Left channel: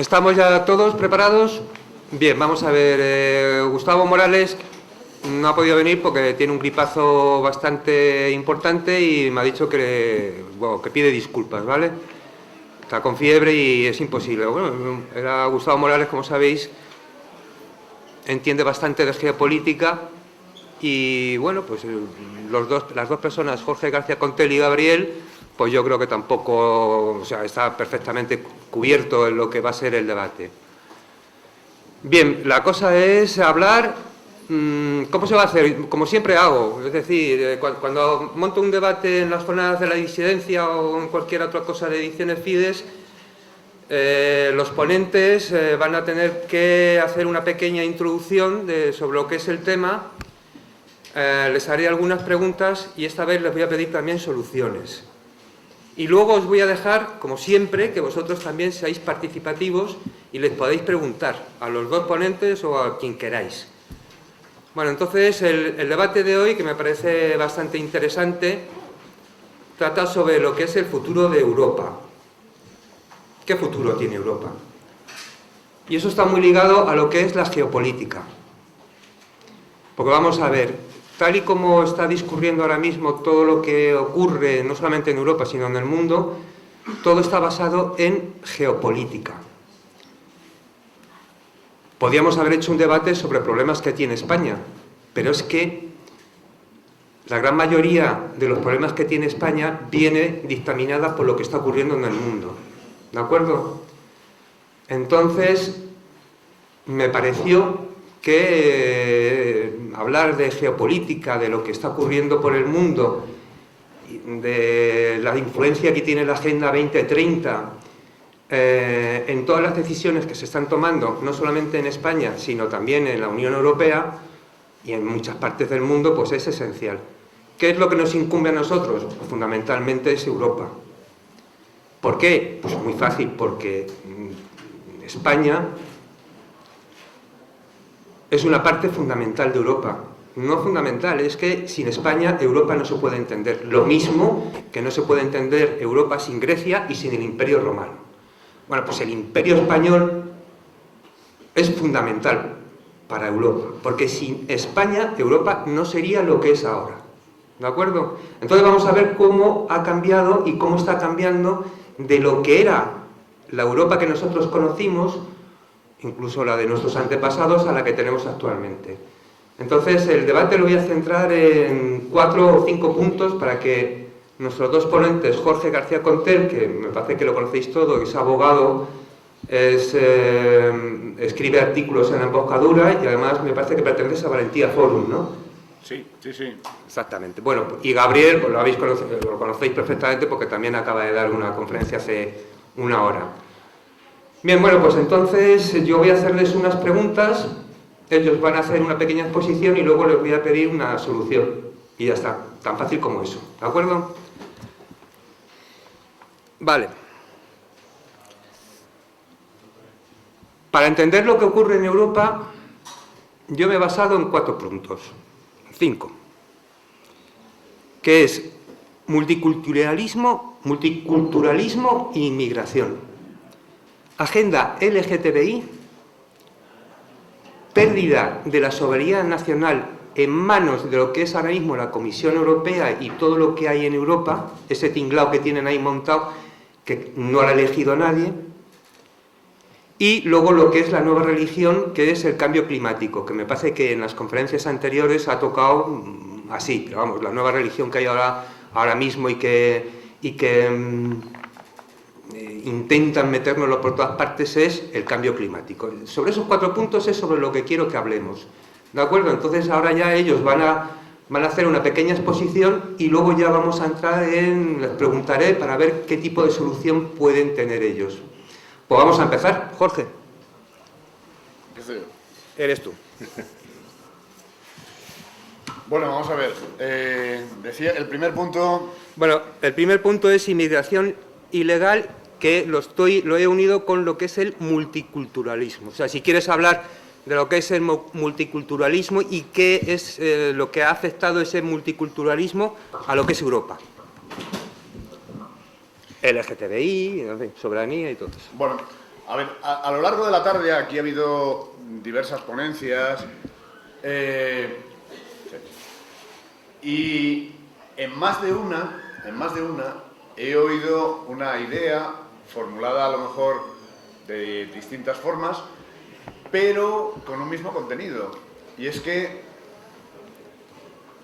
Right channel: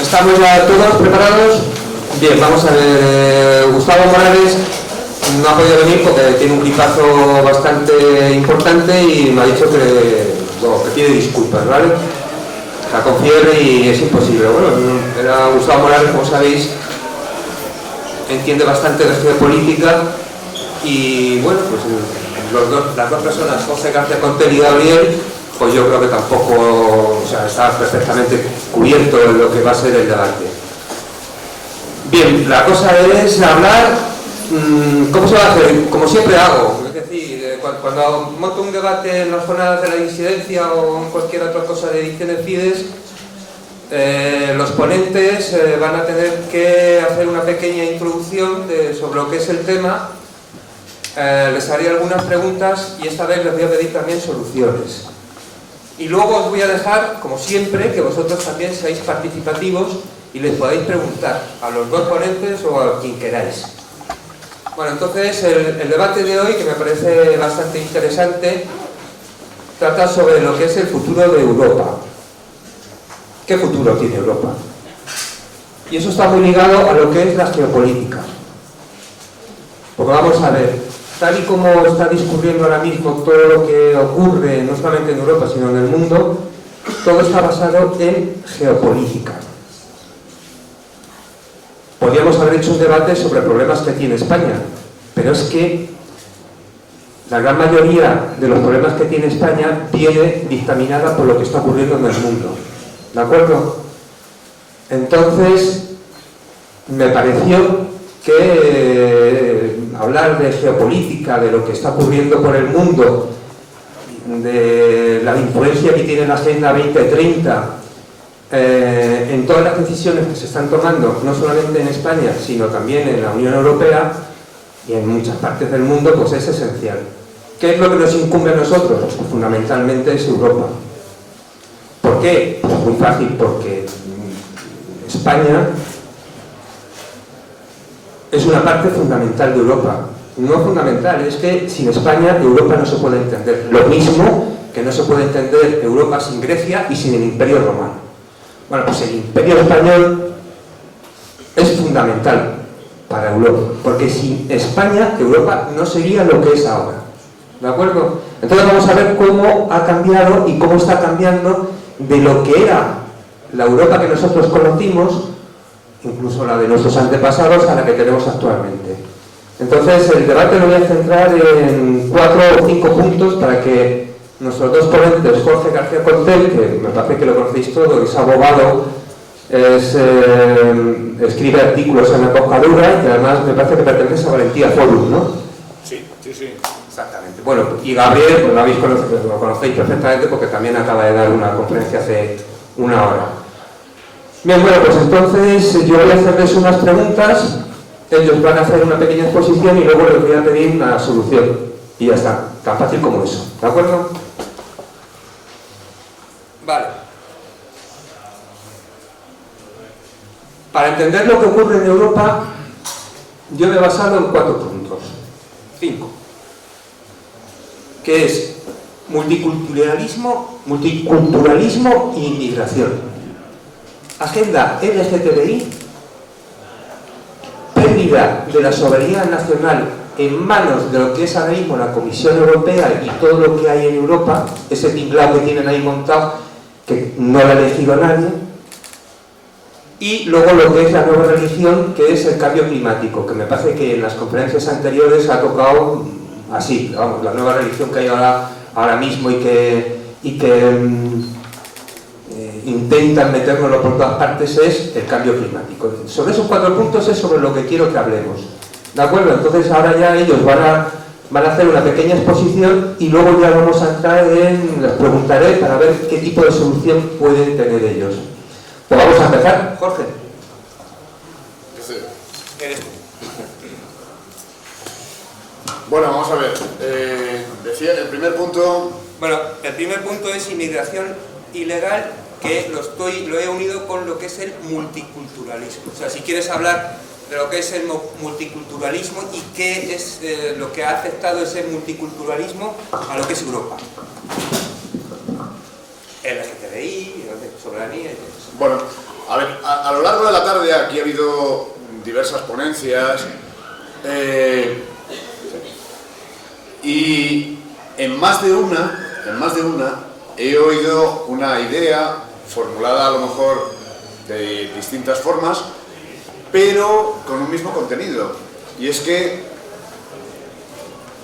¿Estamos ya todos preparados? Bien, vamos a ver. Gustavo Morales no ha podido venir porque tiene un gripazo bastante importante y me ha dicho que pide disculpas, ¿vale? Está con fiebre y es imposible. Bueno, era Gustavo Morales, como sabéis, entiende bastante de geopolítica y, bueno, pues las dos personas, José García Contel y Gabriel, pues yo creo que tampoco, o sea, está perfectamente cubierto en lo que va a ser el debate. Bien, la cosa es hablar, ¿cómo se va a hacer? Como siempre hago, es decir, cuando monto un debate en las zonas de la disidencia o en cualquier otra cosa de ediciones Fides, los ponentes van a tener que hacer una pequeña introducción sobre lo que es el tema. Les haré algunas preguntas y esta vez les voy a pedir también soluciones. Y luego os voy a dejar, como siempre, que vosotros también seáis participativos y les podáis preguntar a los dos ponentes o a quien queráis. Bueno, entonces el debate de hoy, que me parece bastante interesante, trata sobre lo que es el futuro de Europa. ¿Qué futuro tiene Europa? Y eso está muy ligado a lo que es la geopolítica. Porque vamos a ver, tal y como está discurriendo ahora mismo todo lo que ocurre, no solamente en Europa, sino en el mundo, todo está basado en geopolítica. Podríamos haber hecho un debate sobre problemas que tiene España, pero es que la gran mayoría de los problemas que tiene España viene dictaminada por lo que está ocurriendo en el mundo. ¿De acuerdo? Entonces, me pareció que hablar de geopolítica, de lo que está ocurriendo por el mundo, de la influencia que tiene la Agenda 2030 en todas las decisiones que se están tomando, no solamente en España, sino también en la Unión Europea y en muchas partes del mundo, pues es esencial. ¿Qué es lo que nos incumbe a nosotros? Pues fundamentalmente es Europa. ¿Por qué? Pues muy fácil, porque España es una parte fundamental de Europa. No fundamental, es que sin España Europa no se puede entender. Lo mismo que no se puede entender Europa sin Grecia y sin el Imperio Romano. Bueno, pues el Imperio Español es fundamental para Europa, porque sin España Europa no sería lo que es ahora. ¿De acuerdo? Entonces vamos a ver cómo ha cambiado y cómo está cambiando de lo que era la Europa que nosotros conocimos, incluso la de nuestros antepasados, a la que tenemos actualmente. Entonces el debate lo voy a centrar en 4 o 5 puntos para que nuestros dos ponentes, Jorge García Contel, que me parece que lo conocéis todo, es abogado, escribe artículos en Emboscadura y además me parece que pertenece a Valentía Forum, ¿no? Sí. Exactamente. Bueno, y Gabriel, pues lo conocéis perfectamente porque también acaba de dar una conferencia hace una hora. Bien, bueno, pues entonces yo voy a hacerles unas preguntas, ellos van a hacer una pequeña exposición y luego les voy a pedir una solución. Y ya está, tan fácil como eso, ¿de acuerdo? Vale. Para entender lo que ocurre en Europa, yo me he basado en 4 puntos, 5, que es multiculturalismo e inmigración, agenda LGTBI, pérdida de la soberanía nacional en manos de lo que es ahora mismo la Comisión Europea y todo lo que hay en Europa, ese tinglao que tienen ahí montado, que no lo ha elegido nadie, y luego lo que es la nueva religión, que es el cambio climático, que me parece que en las conferencias anteriores ha tocado así, vamos, la nueva religión que hay ahora mismo y que intentan metérnoslo por todas partes es el cambio climático. Sobre esos 4 puntos es sobre lo que quiero que hablemos. ¿De acuerdo? Entonces ahora ya ellos van a hacer una pequeña exposición y luego ya vamos a entrar les preguntaré para ver qué tipo de solución pueden tener ellos. Pues vamos a empezar. Jorge. Eres tú. Bueno, vamos a ver. Decía el primer punto... Bueno, el primer punto es inmigración ilegal, que lo he unido con lo que es el multiculturalismo. O sea, si quieres hablar de lo que es el multiculturalismo y qué es lo que ha afectado ese multiculturalismo a lo que es Europa. LGTBI, soberanía y todo eso. Bueno, A ver, a lo largo de la tarde aquí ha habido diversas ponencias y en más de una he oído una idea formulada a lo mejor de distintas formas, pero con un mismo contenido, y es que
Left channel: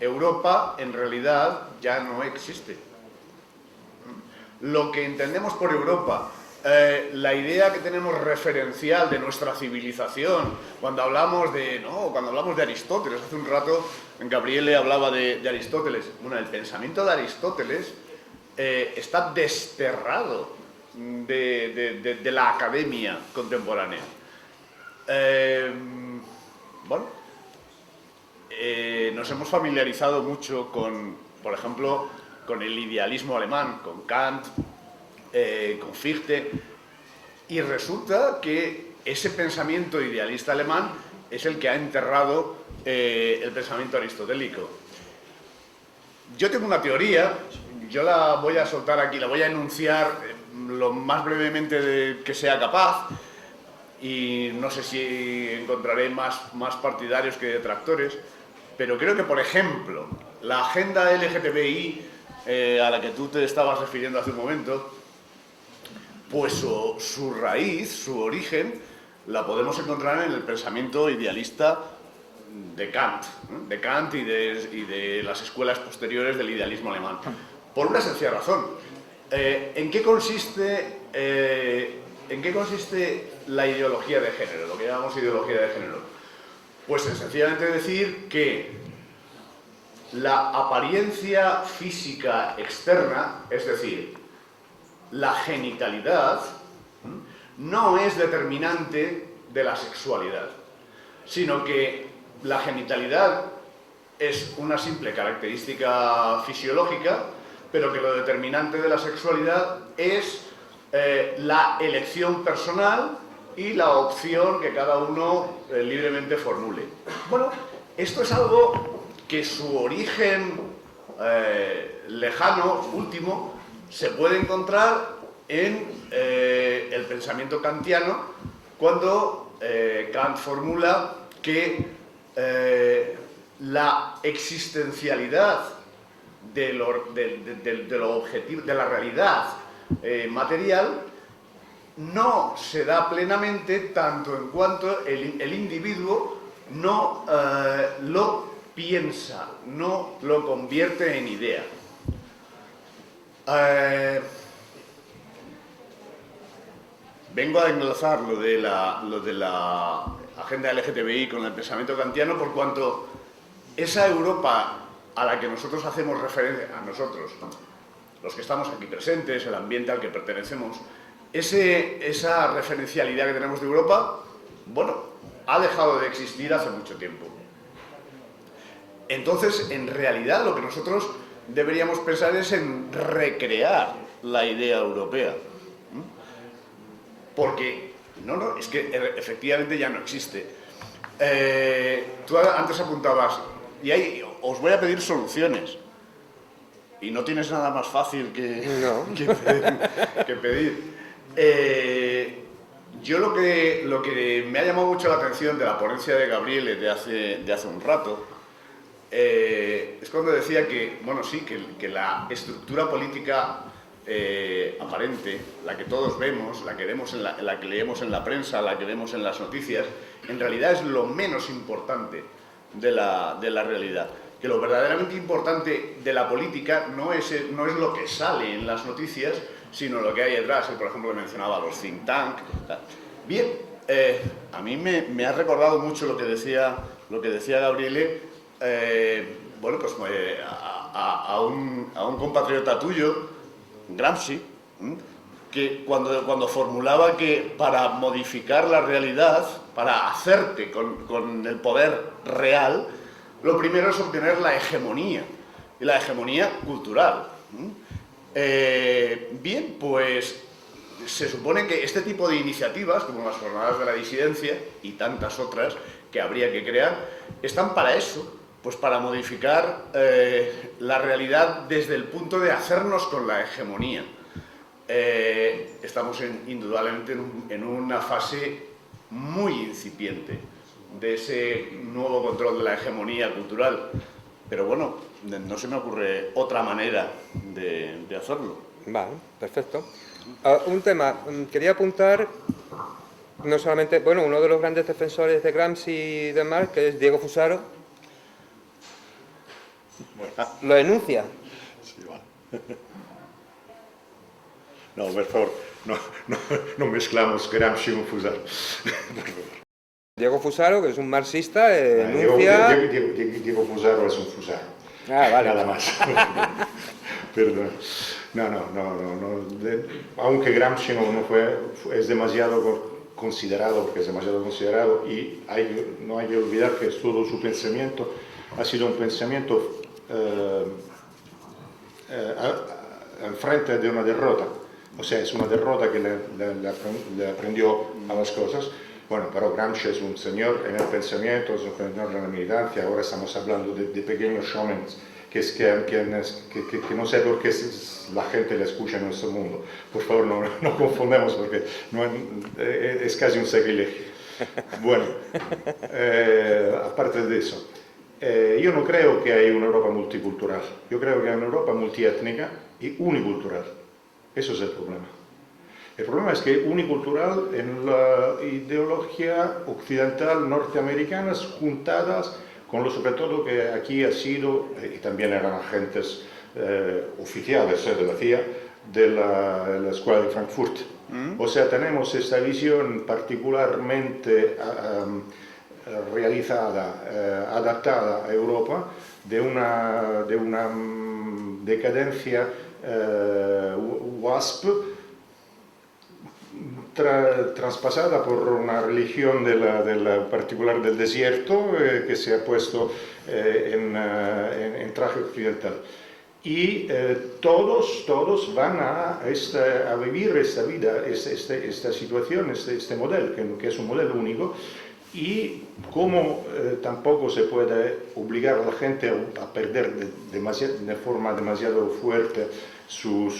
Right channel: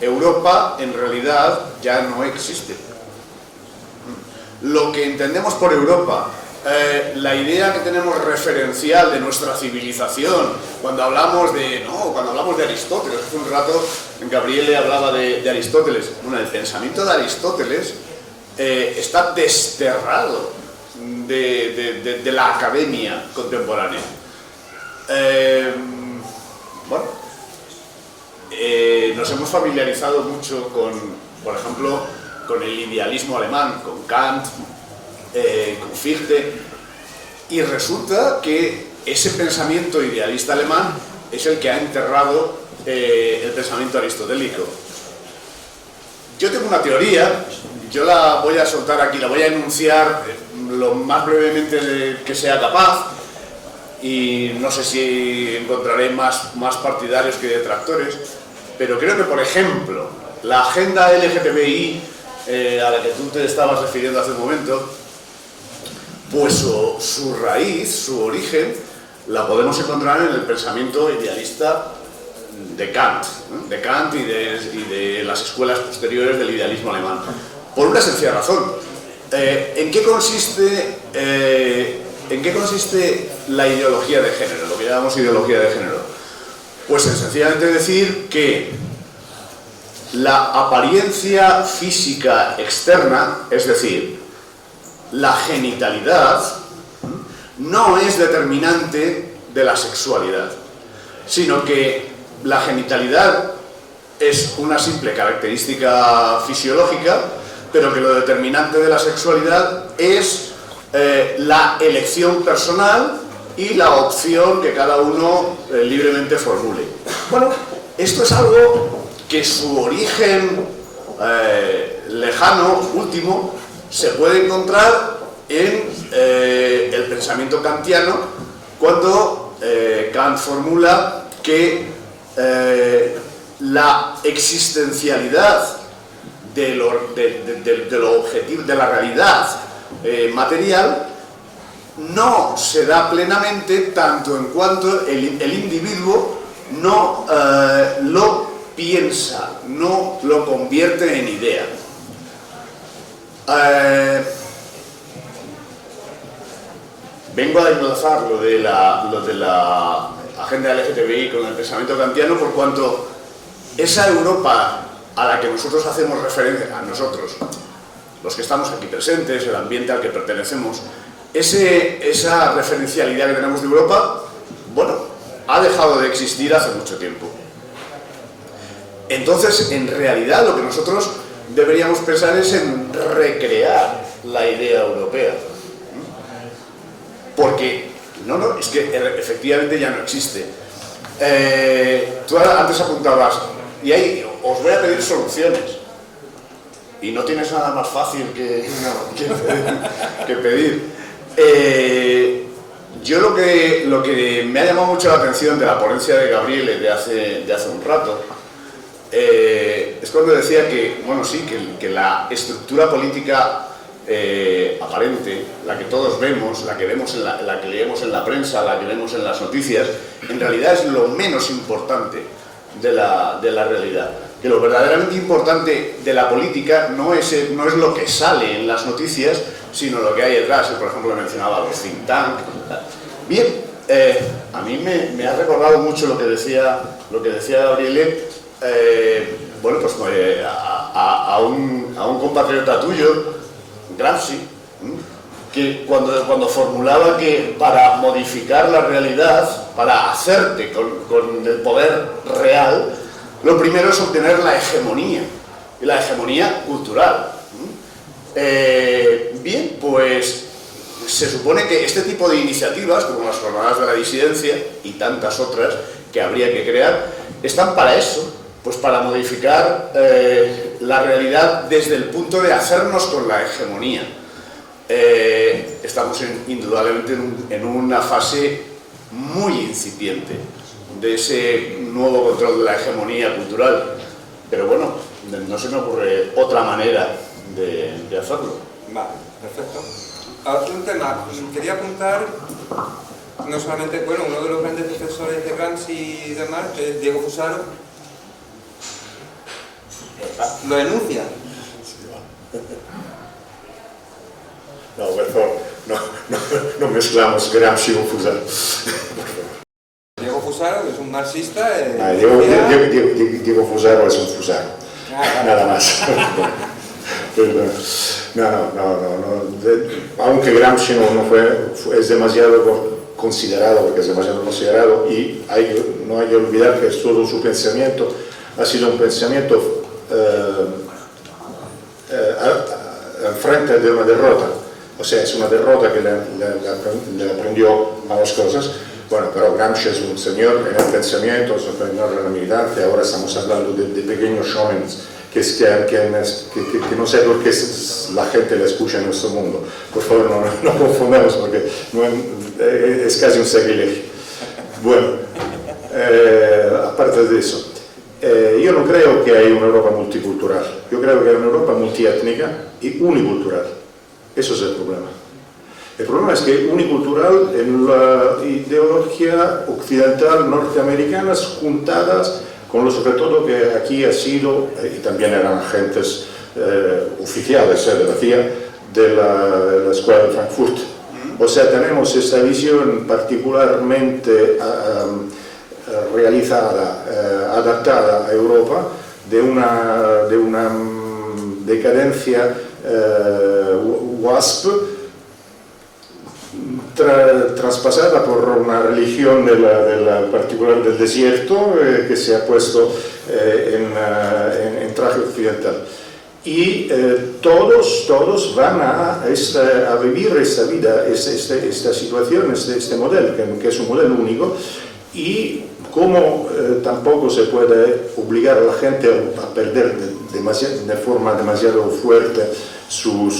Europa en realidad ya no existe. Lo que entendemos por Europa, la idea que tenemos referencial de nuestra civilización, cuando hablamos de Aristóteles, hace un rato Gabriele hablaba de Aristóteles. Bueno, el pensamiento de Aristóteles está desterrado de la academia contemporánea. Nos hemos familiarizado mucho con, por ejemplo, con el idealismo alemán, con Kant, con Fichte, y resulta que ese pensamiento idealista alemán es el que ha enterrado el pensamiento aristotélico. Yo tengo una teoría, yo la voy a soltar aquí, la voy a enunciar lo más brevemente que sea capaz, y no sé si encontraré más partidarios que detractores, pero creo que, por ejemplo, la agenda LGTBI a la que tú te estabas refiriendo hace un momento, pues su raíz, su origen, la podemos encontrar en el pensamiento idealista de Kant, y de las escuelas posteriores del idealismo alemán. Por una sencilla razón. ¿En qué consiste la ideología de género, lo que llamamos ideología de género? Pues en sencillamente decir que la apariencia física externa, es decir, la genitalidad, no es determinante de la sexualidad, sino que la genitalidad es una simple característica fisiológica, pero que lo determinante de la sexualidad es la elección personal y la opción que cada uno libremente formule. Bueno, esto es algo que su origen lejano, último, se puede encontrar en el pensamiento kantiano, cuando Kant formula que la existencialidad de lo objetivo, de la realidad material, no se da plenamente tanto en cuanto el individuo no lo piensa, no lo convierte en idea. Vengo a enlazar lo de la agenda LGTBI con el pensamiento kantiano, por cuanto esa Europa a la que nosotros hacemos referencia, a nosotros, los que estamos aquí presentes, el ambiente al que pertenecemos, esa referencialidad que tenemos de Europa, bueno, ha dejado de existir hace mucho tiempo. Entonces, en realidad, lo que nosotros deberíamos pensar es en recrear la idea europea. Porque, es que efectivamente ya no existe. Tú antes apuntabas, y ahí os voy a pedir soluciones. Y no tienes nada más fácil que pedir. Yo lo que me ha llamado mucho la atención de la ponencia de Gabriele de hace un rato, es cuando decía que, bueno, sí, que la estructura política aparente, la que todos vemos, la que leemos en la prensa, la que vemos en las noticias, en realidad es lo menos importante de la realidad. Que lo verdaderamente importante de la política no es lo que sale en las noticias, sino lo que hay detrás. Por ejemplo, mencionaba los think tank. Bien, a mí me ha recordado mucho lo que decía Gabriele, bueno, pues a un compatriota tuyo, Gramsci, que cuando formulaba que para modificar la realidad, para hacerte con el poder real, lo primero es obtener la hegemonía, y la hegemonía cultural. Bien, pues se supone que este tipo de iniciativas, como las jornadas de la disidencia y tantas otras que habría que crear, están para eso, pues para modificar la realidad desde el punto de hacernos con la hegemonía. estamos indudablemente en una fase muy incipiente de ese nuevo control de la hegemonía cultural. Pero bueno, no se me ocurre otra manera de hacerlo. Vale, perfecto. Un tema, quería apuntar, no solamente, bueno, uno de los grandes defensores de Gramsci y demás, que es Diego Fusaro, lo denuncia. No, por favor, no mezclamos Gramsci con Fusaro. Diego Fusaro, que es un marxista, Diego Fusaro es un Fusaro, nada más. Pero, aunque Gramsci es demasiado considerado, porque es demasiado considerado, y no hay que olvidar que todo su pensamiento ha sido un pensamiento al frente de una derrota. O sea, es una derrota que le aprendió malas cosas. Bueno, pero Gramsci es un señor en el pensamiento, es un señor en la militancia. Ahora estamos hablando de pequeños showmen que no sé por qué la gente le escucha en nuestro mundo. Por favor, no confundamos, porque es casi un sacrilegio. Bueno, aparte de eso, yo no creo que haya una Europa multicultural. Yo creo que hay una Europa multiétnica y unicultural. Eso es el problema. El problema es que unicultural en la ideología occidental norteamericana juntadas con lo sobre todo que aquí ha sido, y también eran agentes oficiales de la CIA, de la Escuela de Frankfurt. O sea, tenemos esta visión particularmente realizada, adaptada a Europa, de una decadencia WASP, traspasada por una religión particular del desierto que se ha puesto en traje occidental. Y todos van a vivir esta vida, esta situación, este modelo, que es un modelo único, y como tampoco se puede obligar a la gente a perder de forma demasiado fuerte su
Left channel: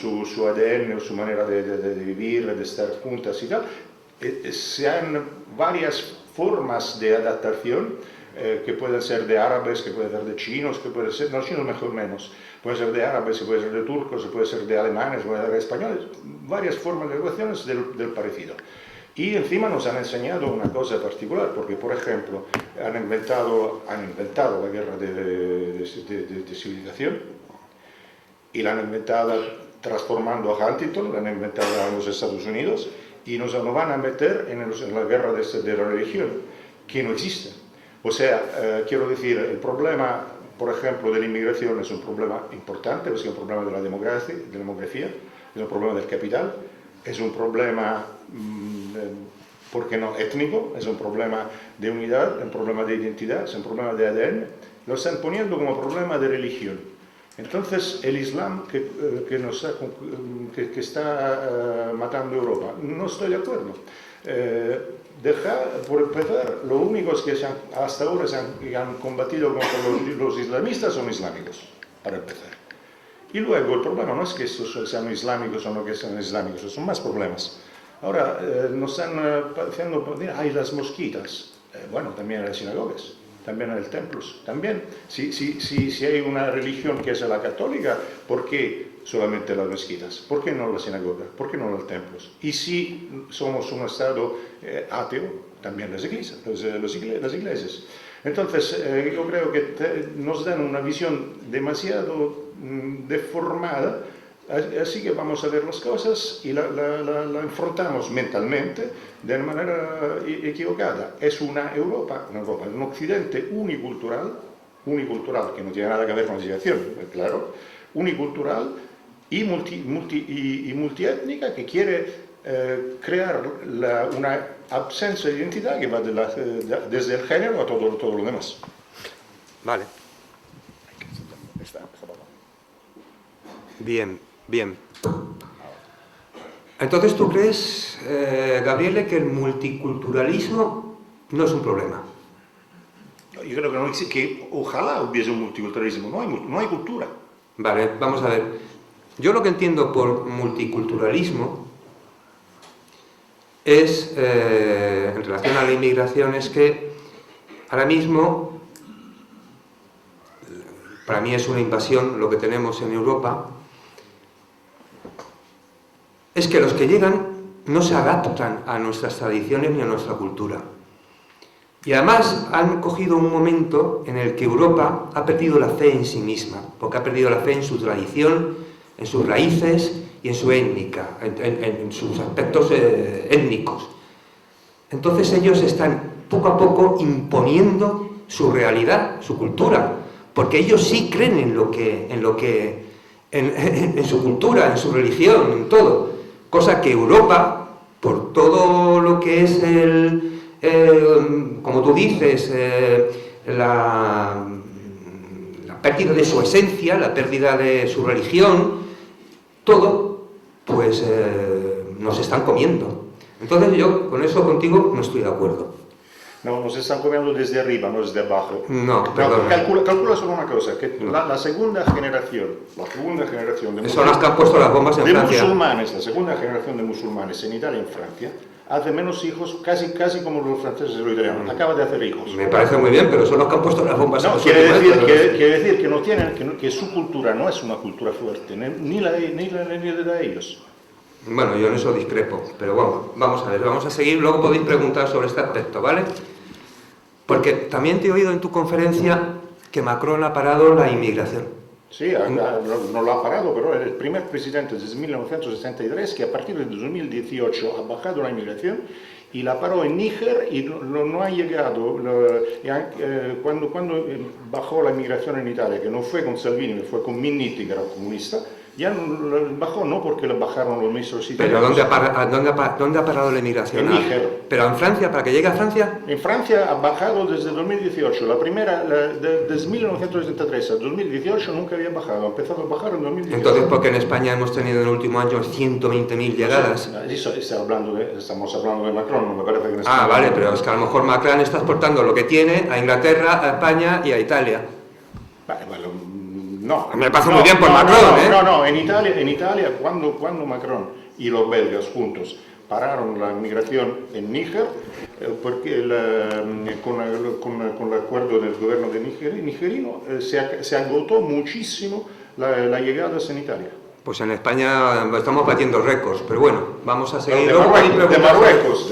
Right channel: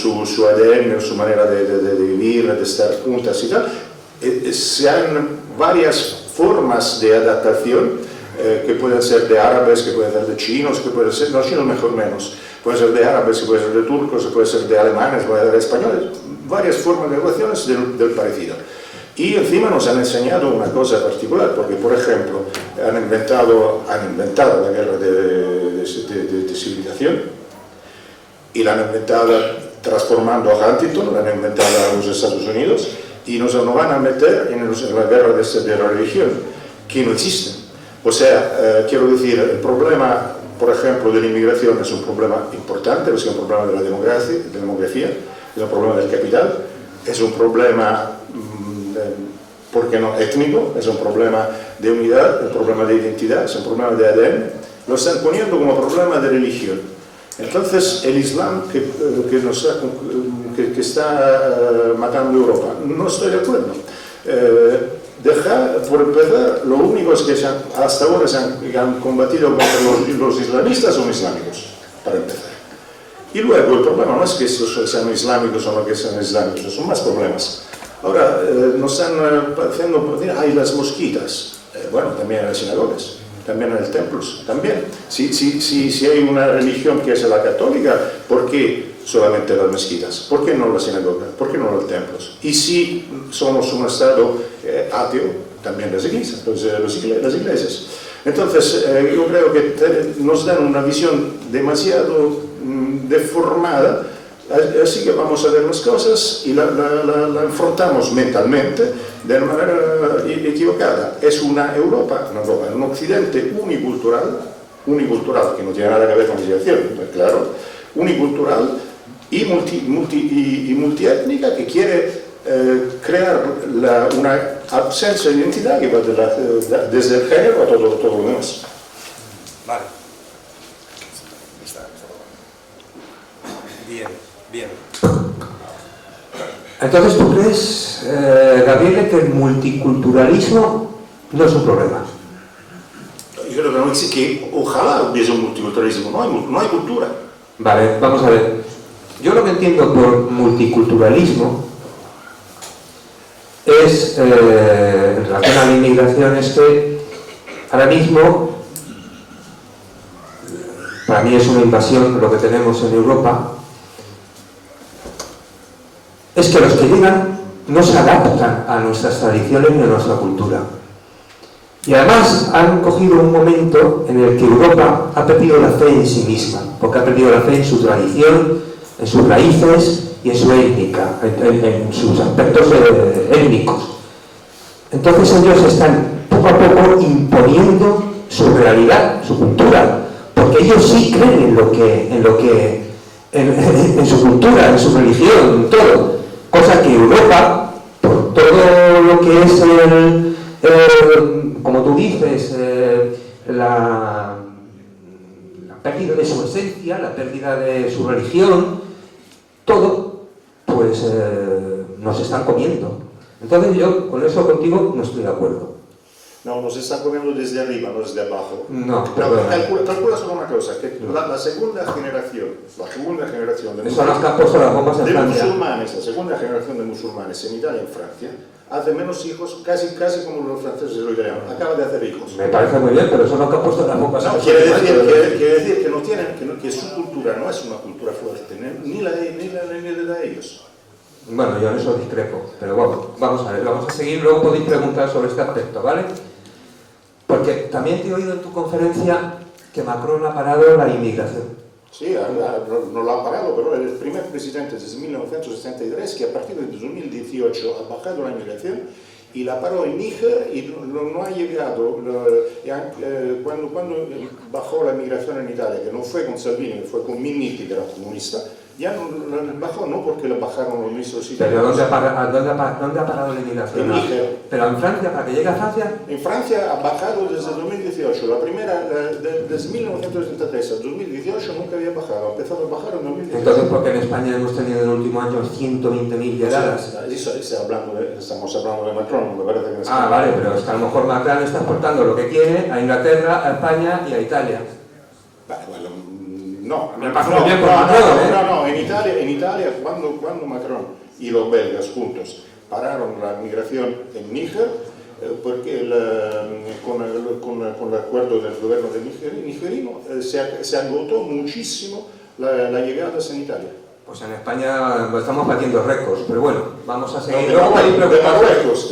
ADN, su manera de vivir, de estar juntas y tal, se han varias formas de adaptación que pueden ser de árabes, que pueden ser de chinos, que pueden ser, no chinos mejor menos, pueden ser de árabes, que pueden ser de turcos, pueden ser de alemanes, pueden ser de españoles, varias formas de relaciones del parecido. Y encima nos han enseñado una cosa particular, porque por ejemplo han inventado la guerra de civilización, y la han inventado transformando a Huntington, la han inventado a los Estados Unidos, y nos van a meter en la guerra de la religión, que no existe. O sea, quiero decir, el problema, por ejemplo, de la inmigración es un problema importante, es un problema de la demografía, es un problema del capital, es un problema, ¿por qué no?, étnico, es un problema de unidad, un problema de identidad, es un problema de ADN. Lo están poniendo como problema de religión. Entonces, el Islam que está matando Europa, no estoy de acuerdo. Por empezar, lo único es que hasta ahora se han combatido contra los islamistas son islámicos, para empezar. Y luego, el problema no es que estos sean islámicos o no que sean islámicos, son más problemas. Ahora, nos están haciendo, hay las mosquitas, bueno, también hay sinagogas. También en los templos, también. Si hay una religión que es la católica, ¿por qué solamente las mezquitas? ¿Por qué no la sinagoga? ¿Por qué no los templos? Y si somos un estado ateo, también las iglesias. Entonces, yo creo que nos dan una visión demasiado deformada, así que vamos a ver las cosas y la enfrentamos mentalmente de manera equivocada. Es una Europa, un occidente unicultural, que no tiene nada que ver con la civilización, claro, unicultural y multiétnica, que quiere crear una ausencia de identidad que va desde el género a todo lo demás. Vale. Bien. Entonces, ¿tú crees, Gabriele, que el multiculturalismo no es un problema? Yo creo que no existe, que ojalá hubiese un multiculturalismo, no hay cultura. Vale, vamos a ver. Yo lo que entiendo por multiculturalismo es, en relación a la inmigración, es que ahora mismo, para mí es una invasión lo que tenemos en Europa, es que los que llegan no se adaptan a nuestras tradiciones ni a nuestra cultura. Y además han cogido un momento en el que Europa ha perdido la fe en sí misma, porque ha perdido la fe en su tradición, en sus raíces y en su étnica, en sus aspectos étnicos. Entonces ellos están poco a poco imponiendo su realidad, su cultura, porque ellos sí creen en su cultura, en su religión, en todo. Cosa que Europa, por todo lo que es como tú dices, la pérdida de su esencia, la pérdida de su religión, todo, pues nos están comiendo. Entonces yo con eso contigo no estoy de acuerdo. No, nos están comiendo desde arriba, no desde abajo. No, perdón. Calcula solo una cosa, que la segunda generación de son las que han puesto las bombas en Francia. Musulmanes, la segunda generación de musulmanes en Italia y en Francia, hace menos hijos, casi como los franceses y los italianos. Acaba de hacer hijos. Me parece muy bien, pero son los que han puesto las bombas en Francia. Quiere decir que no tienen, que su cultura no es una cultura fuerte, ni la de ellos. Bueno, yo en eso discrepo, pero bueno, vamos a ver, vamos a seguir, luego podéis preguntar sobre este aspecto, ¿vale? Porque también te he oído en tu conferencia que Macron ha parado la inmigración. Sí, no lo ha parado, pero es el primer presidente desde 1963 que a partir de 2018 ha bajado la inmigración y la paró en Níger y no ha llegado. Cuando bajó la inmigración en Italia, que no fue con Salvini, fue con Minniti, que era comunista, ya no bajó, no porque lo bajaron los ministros italianos. ¿Pero dónde ha parado la inmigración? En Níger. ¿Pero en Francia, para que llegue a Francia? En Francia ha bajado desde 2018. La primera, desde 1973 a 2018 nunca había bajado. Ha empezado a bajar en 2018. Entonces, ¿por qué en España hemos tenido en el último año 120.000 llegadas? Estamos hablando de Macron, me parece que en España. Vale, pero es que a lo mejor Macron está exportando lo que tiene a Inglaterra, a España y a Italia. Vale, bueno. No, me parece muy bien por Macron, No, en Italia cuando Macron y los belgas juntos pararon la migración en Níger, porque con el acuerdo del gobierno de nigerino se agotó muchísimo la llegada en Italia. Pues en España estamos batiendo récords, pero bueno, vamos a seguir. De Marruecos.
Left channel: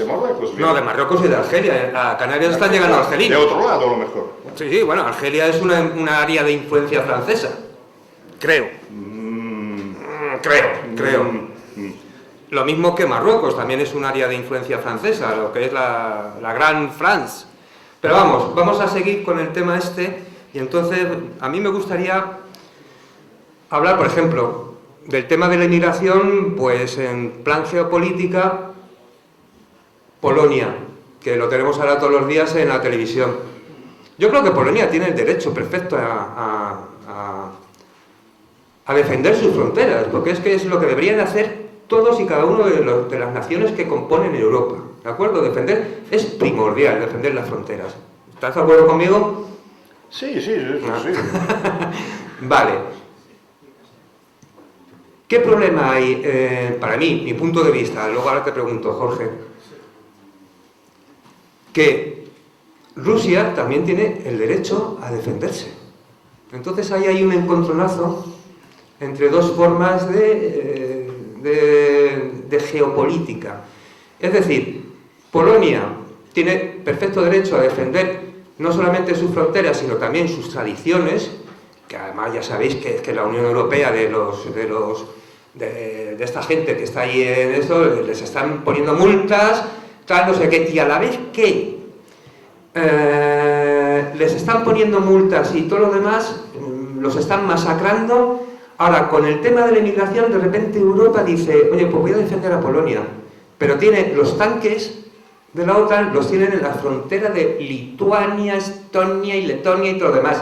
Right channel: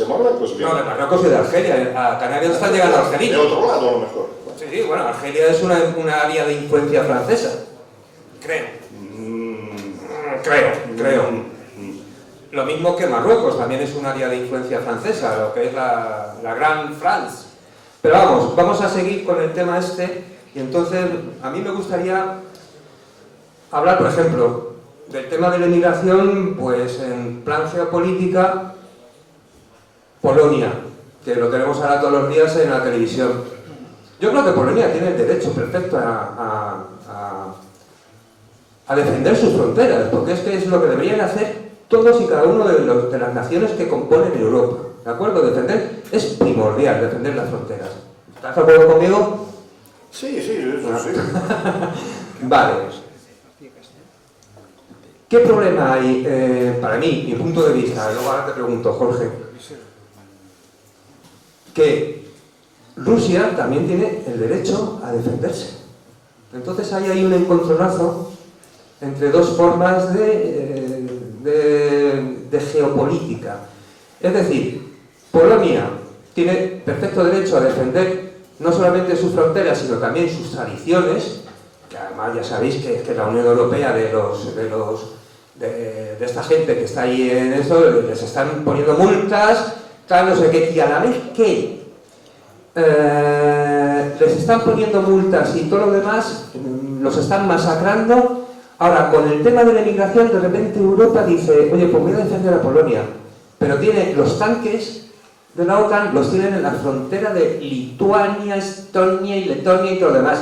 No, de Marruecos y de Argelia. A Canarias están llegando argelinos. De otro lado, a lo mejor. Sí, bueno, Argelia es una área de influencia francesa. Creo. Creo. Lo mismo que Marruecos, también es un área de influencia francesa, lo que es la Gran France. Pero vamos a seguir con el tema este, y entonces a mí me gustaría hablar, por ejemplo, del tema de la inmigración, pues en plan geopolítica, Polonia, que lo tenemos ahora todos los días en la televisión. Yo creo que Polonia tiene el derecho perfecto a defender sus fronteras, porque es que es lo que deberían hacer todos y cada uno de las naciones que componen Europa, ¿de acuerdo? Defender es primordial, defender las fronteras. ¿Estás de acuerdo conmigo? Sí. Vale. ¿Qué problema hay, para mí, mi punto de vista, luego ahora te pregunto, Jorge, que Rusia también tiene el derecho a defenderse? Entonces ahí hay un encontronazo entre dos formas de geopolítica. Es decir, Polonia tiene perfecto derecho a defender no solamente sus fronteras, sino también sus tradiciones, que además ya sabéis que la Unión Europea de esta gente que está ahí en eso, les están poniendo multas, tal, no sé qué, y a la vez que les están poniendo multas y todo lo demás, los están masacrando. Ahora, con el tema de la inmigración, de repente Europa dice, oye, pues voy a defender a Polonia, pero tiene los tanques de la OTAN, los tienen en la frontera de Lituania, Estonia y Letonia y todo lo demás.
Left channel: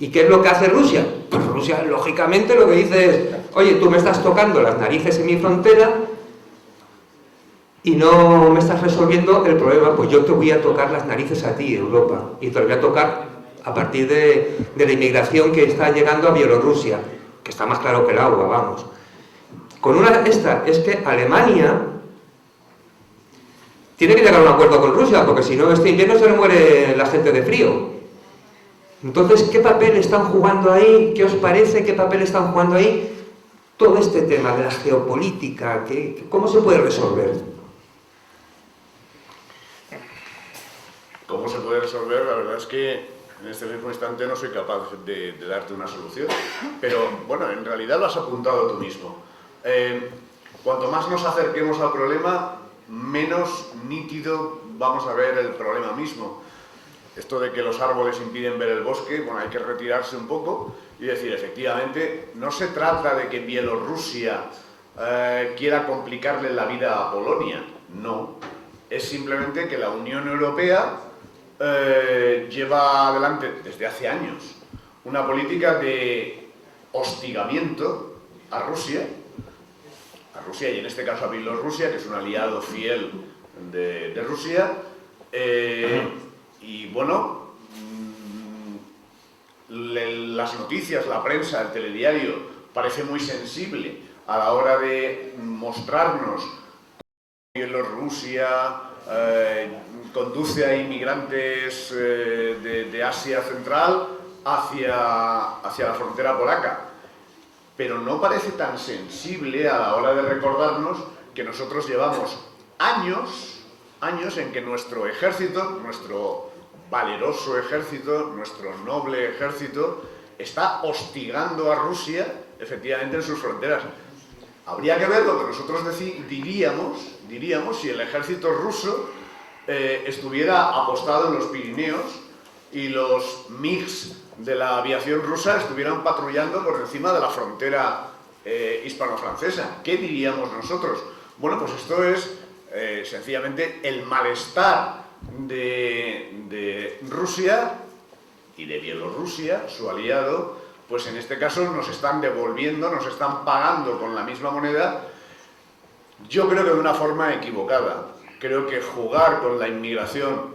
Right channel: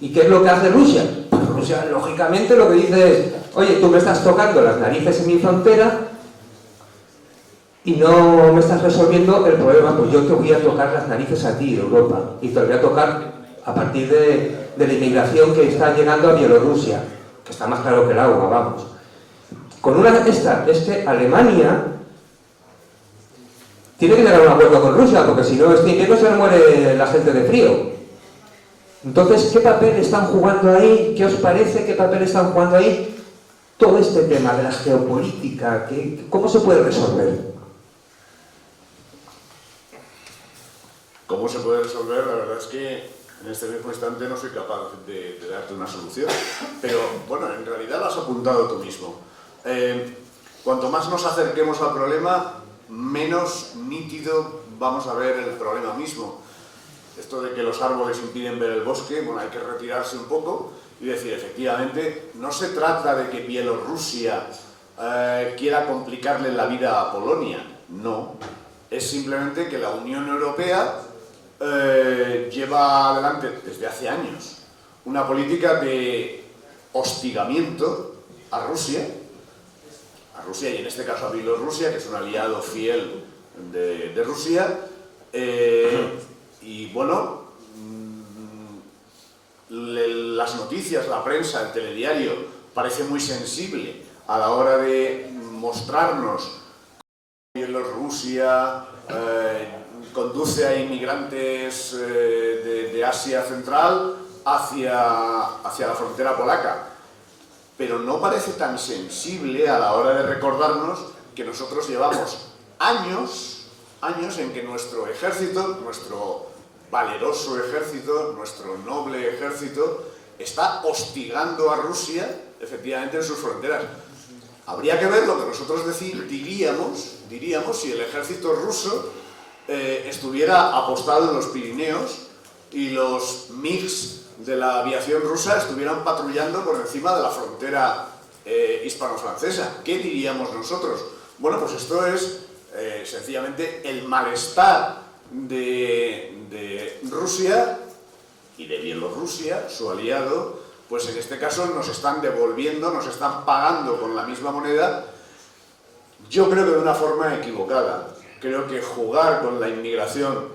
¿Y qué es lo que hace Rusia? Pues Rusia, lógicamente, lo que dice es, oye, tú me estás tocando las narices en mi frontera y no me estás resolviendo el problema, pues yo te voy a tocar las narices a ti, Europa, y te lo voy a tocar a partir de la inmigración que está llegando a Bielorrusia, que está más claro que el agua, vamos. Con esta es que Alemania tiene que llegar a un acuerdo con Rusia, porque si no, este invierno se le muere la gente de frío. Entonces, ¿qué papel están jugando ahí? ¿Qué os parece? ¿Qué papel están jugando ahí? Todo este tema de la geopolítica, ¿cómo se puede resolver? ¿Cómo se puede resolver? La verdad es que en este mismo instante no soy capaz de darte una solución. Pero, bueno, en realidad lo has apuntado tú mismo. Cuanto más nos acerquemos al problema, menos nítido vamos a ver el problema mismo. Esto de que los árboles impiden ver el bosque, bueno, hay que retirarse un poco y decir, efectivamente, no se trata de que Bielorrusia quiera complicarle la vida a Polonia, no. Es simplemente que la Unión Europea lleva adelante desde hace años una política de hostigamiento a Rusia y en este caso a Bielorrusia, que es un aliado fiel de Rusia, y bueno, las noticias, la prensa, el telediario parece muy sensible a la hora de mostrarnos que Bielorrusia conduce a inmigrantes de Asia Central hacia la frontera polaca. Pero no parece tan sensible a la hora de recordarnos que nosotros llevamos años en que nuestro ejército, nuestro valeroso ejército, nuestro noble ejército, está hostigando a Rusia, efectivamente, en sus fronteras. Habría que ver lo que nosotros diríamos si el ejército ruso estuviera apostado en los Pirineos y los MiGs de la aviación rusa estuvieran patrullando por encima de la frontera hispano-francesa. ¿Qué diríamos nosotros? Bueno, pues esto es sencillamente el malestar de Rusia y de Bielorrusia, su aliado, pues en este caso nos están devolviendo, nos están pagando con la misma moneda, yo creo que de una forma equivocada. Creo que jugar con la inmigración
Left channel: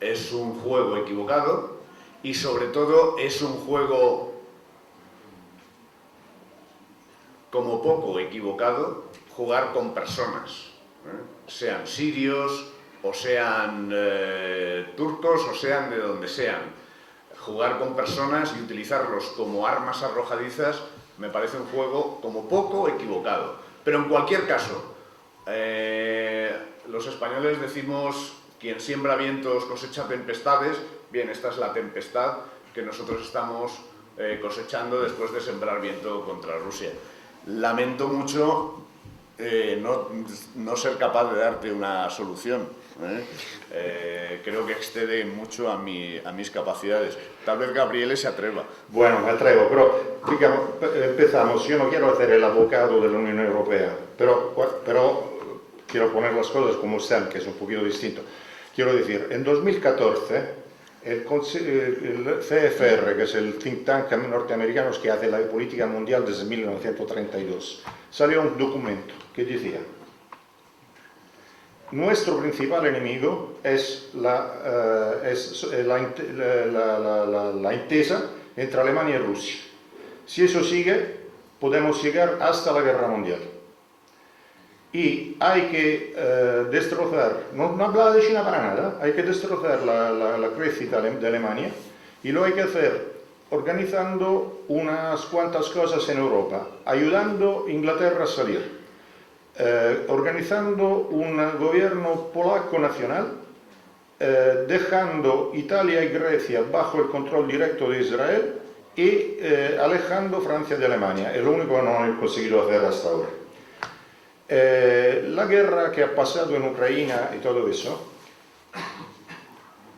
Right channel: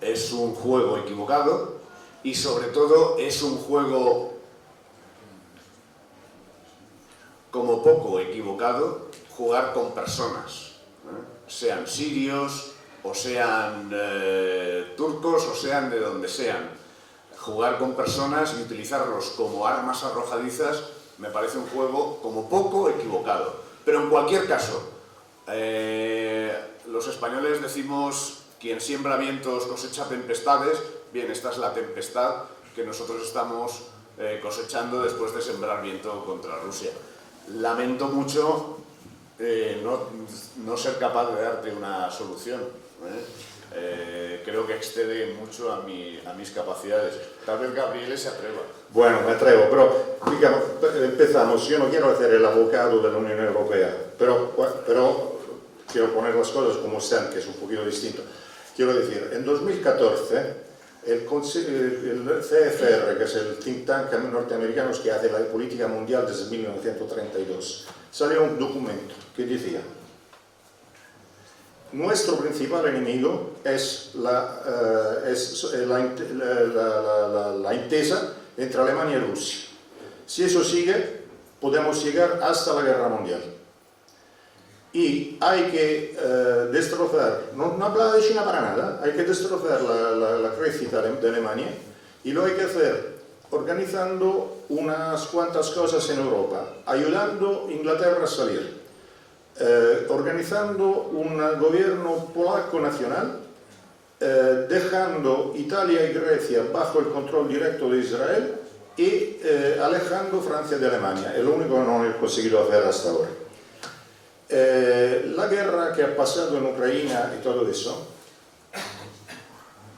es un juego equivocado y sobre todo es un juego como poco equivocado jugar con personas, sean sirios o sean turcos o sean de donde sean. Jugar con personas y utilizarlos como armas arrojadizas me parece un juego como poco equivocado. Pero en cualquier caso, los españoles decimos, quien siembra vientos cosecha tempestades. Bien, esta es la tempestad que nosotros estamos cosechando después de sembrar viento contra Rusia. Lamento mucho no ser capaz de darte una solución. Creo que excede mucho a mis capacidades. Tal vez Gabriele se atreva. Bueno, me atrevo, pero digamos, empezamos. Yo no quiero hacer el abogado de la Unión Europea, pero quiero poner las cosas como están, que es un poquito distinto. Quiero decir, en 2014, el CFR, que es el think tank norteamericano que hace la política mundial desde 1932, salió un documento que decía: nuestro principal enemigo es la entesa entre Alemania y Rusia. Si eso sigue, podemos llegar hasta la guerra mundial. Y hay que destrozar, no habla de China para nada, hay que destrozar la crecida de Alemania, y lo hay que hacer organizando unas cuantas cosas en Europa, ayudando a Inglaterra a salir, organizando un gobierno polaco nacional, dejando Italia y Grecia bajo el control directo de Israel y alejando Francia de Alemania. Es lo único que no he conseguido hacer hasta ahora. La guerra que ha pasado en Ucrania y todo eso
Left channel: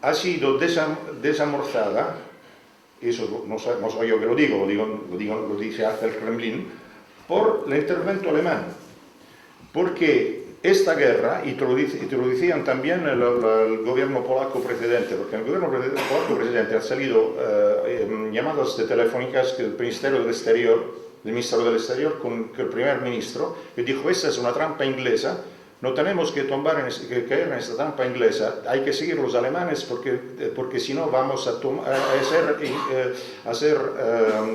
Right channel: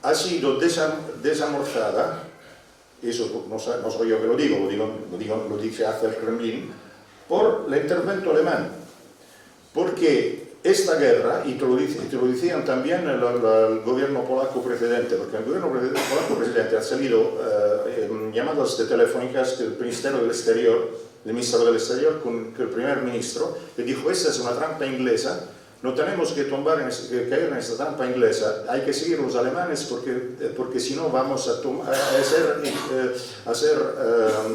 ha sido desamorzada, eso no soy yo que lo dice hace el Kremlin, por el intervento alemán. Porque esta guerra, y te lo decían también el gobierno polaco precedente, porque el gobierno polaco precedente ha salido llamadas telefónicas del Ministerio del Exterior con el primer ministro, que dijo: esta es una trampa inglesa, no tenemos que caer en esta trampa inglesa, hay que seguir los alemanes porque si no vamos a ser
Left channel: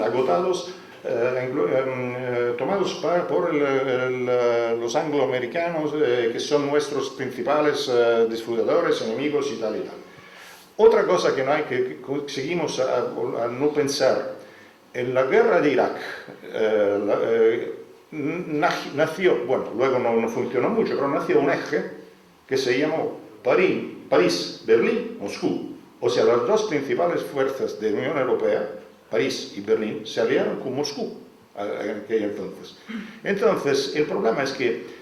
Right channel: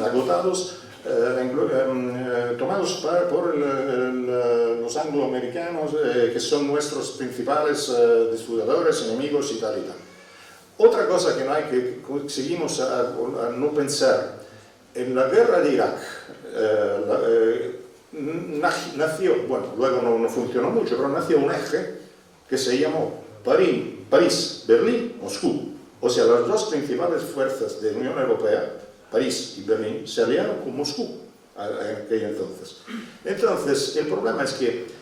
agotados tomados por los angloamericanos, que son nuestros principales disfrutadores, enemigos y tal y tal. Otra cosa que no hay que seguimos a no pensar, en la guerra de Irak nació, bueno, luego no funcionó mucho, pero nació un eje que se llamó París, Berlín, Moscú. O sea, las dos principales fuerzas de la Unión Europea, París y Berlín, se aliaron con Moscú en aquel entonces. Entonces, el problema es que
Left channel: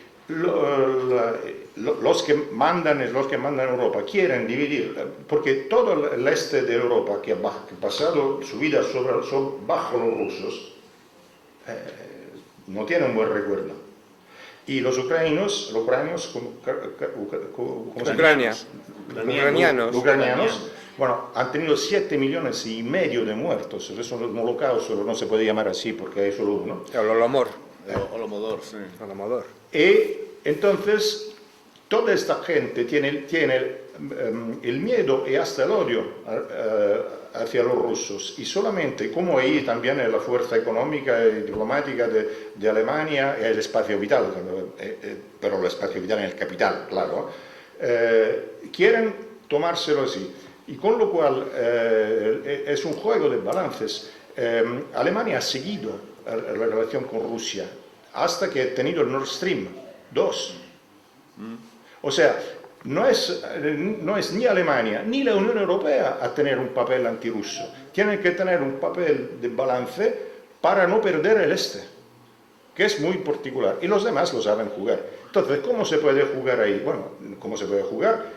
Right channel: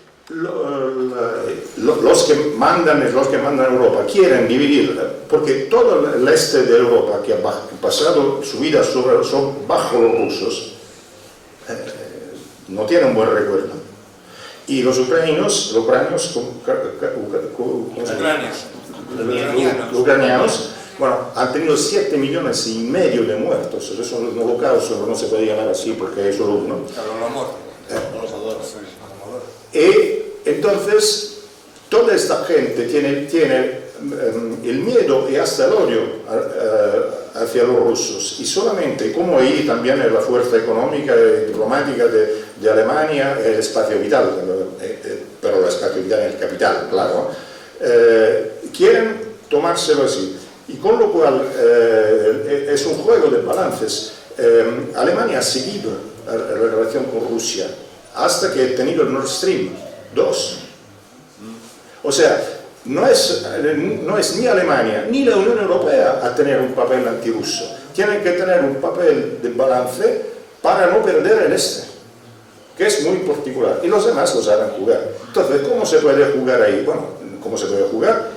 los que mandan Europa quieren dividir, porque todo el este de Europa que ha pasado su vida bajo los rusos no tiene un buen recuerdo. Y los ucranianos bueno, han tenido 7,5 millones de muertos. Eso es un holocausto, no se puede llamar así porque hay solo uno. El Holodomor. Y entonces, toda esta gente tiene el miedo y hasta el odio hacia los rusos. Y solamente, como ahí también es la fuerza económica y diplomática de Alemania, el espacio vital, pero el espacio vital en el capital, claro, quieren tomárselo así. Y con lo cual es un juego de balances. Alemania ha seguido la relación con Rusia hasta que ha tenido el Nord Stream 2. O sea, no es ni Alemania ni la Unión Europea a tener un papel antirruso. Tienen que tener un papel de balance para no perder el este, que es muy particular. Y los demás lo saben jugar. Entonces, ¿cómo se puede jugar ahí? Bueno, ¿cómo se puede jugar?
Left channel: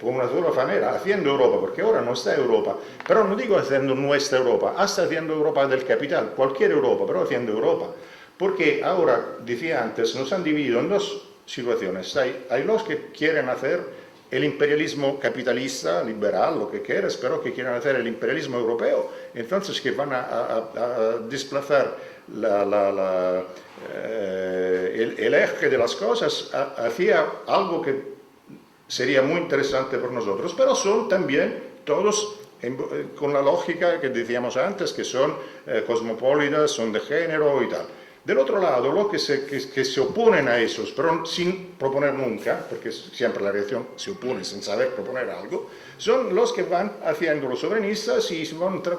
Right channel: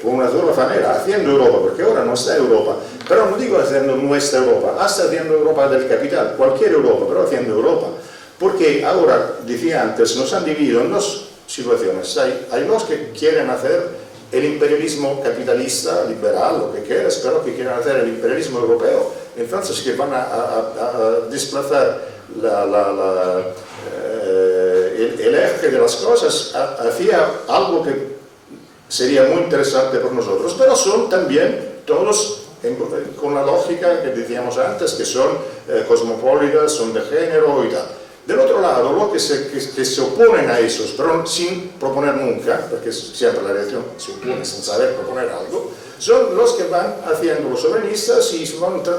Por una sola manera, haciendo Europa, porque ahora no está Europa, pero no digo haciendo nuestra Europa, hasta haciendo Europa del capital, cualquier Europa, pero haciendo Europa. Porque ahora, decía antes, nos han dividido en dos situaciones. Hay los que quieren hacer el imperialismo capitalista, liberal, lo que quieras, pero que quieren hacer el imperialismo europeo. Entonces, que van a desplazar el eje de las cosas hacia algo que sería muy interesante por nosotros, pero son también todos con la lógica que decíamos antes, que son cosmopolitas, son de género y tal. Del otro lado, los que se oponen a esos, pero sin proponer nunca, porque siempre la reacción se opone sin saber proponer algo, son los que van haciendo los soberanistas y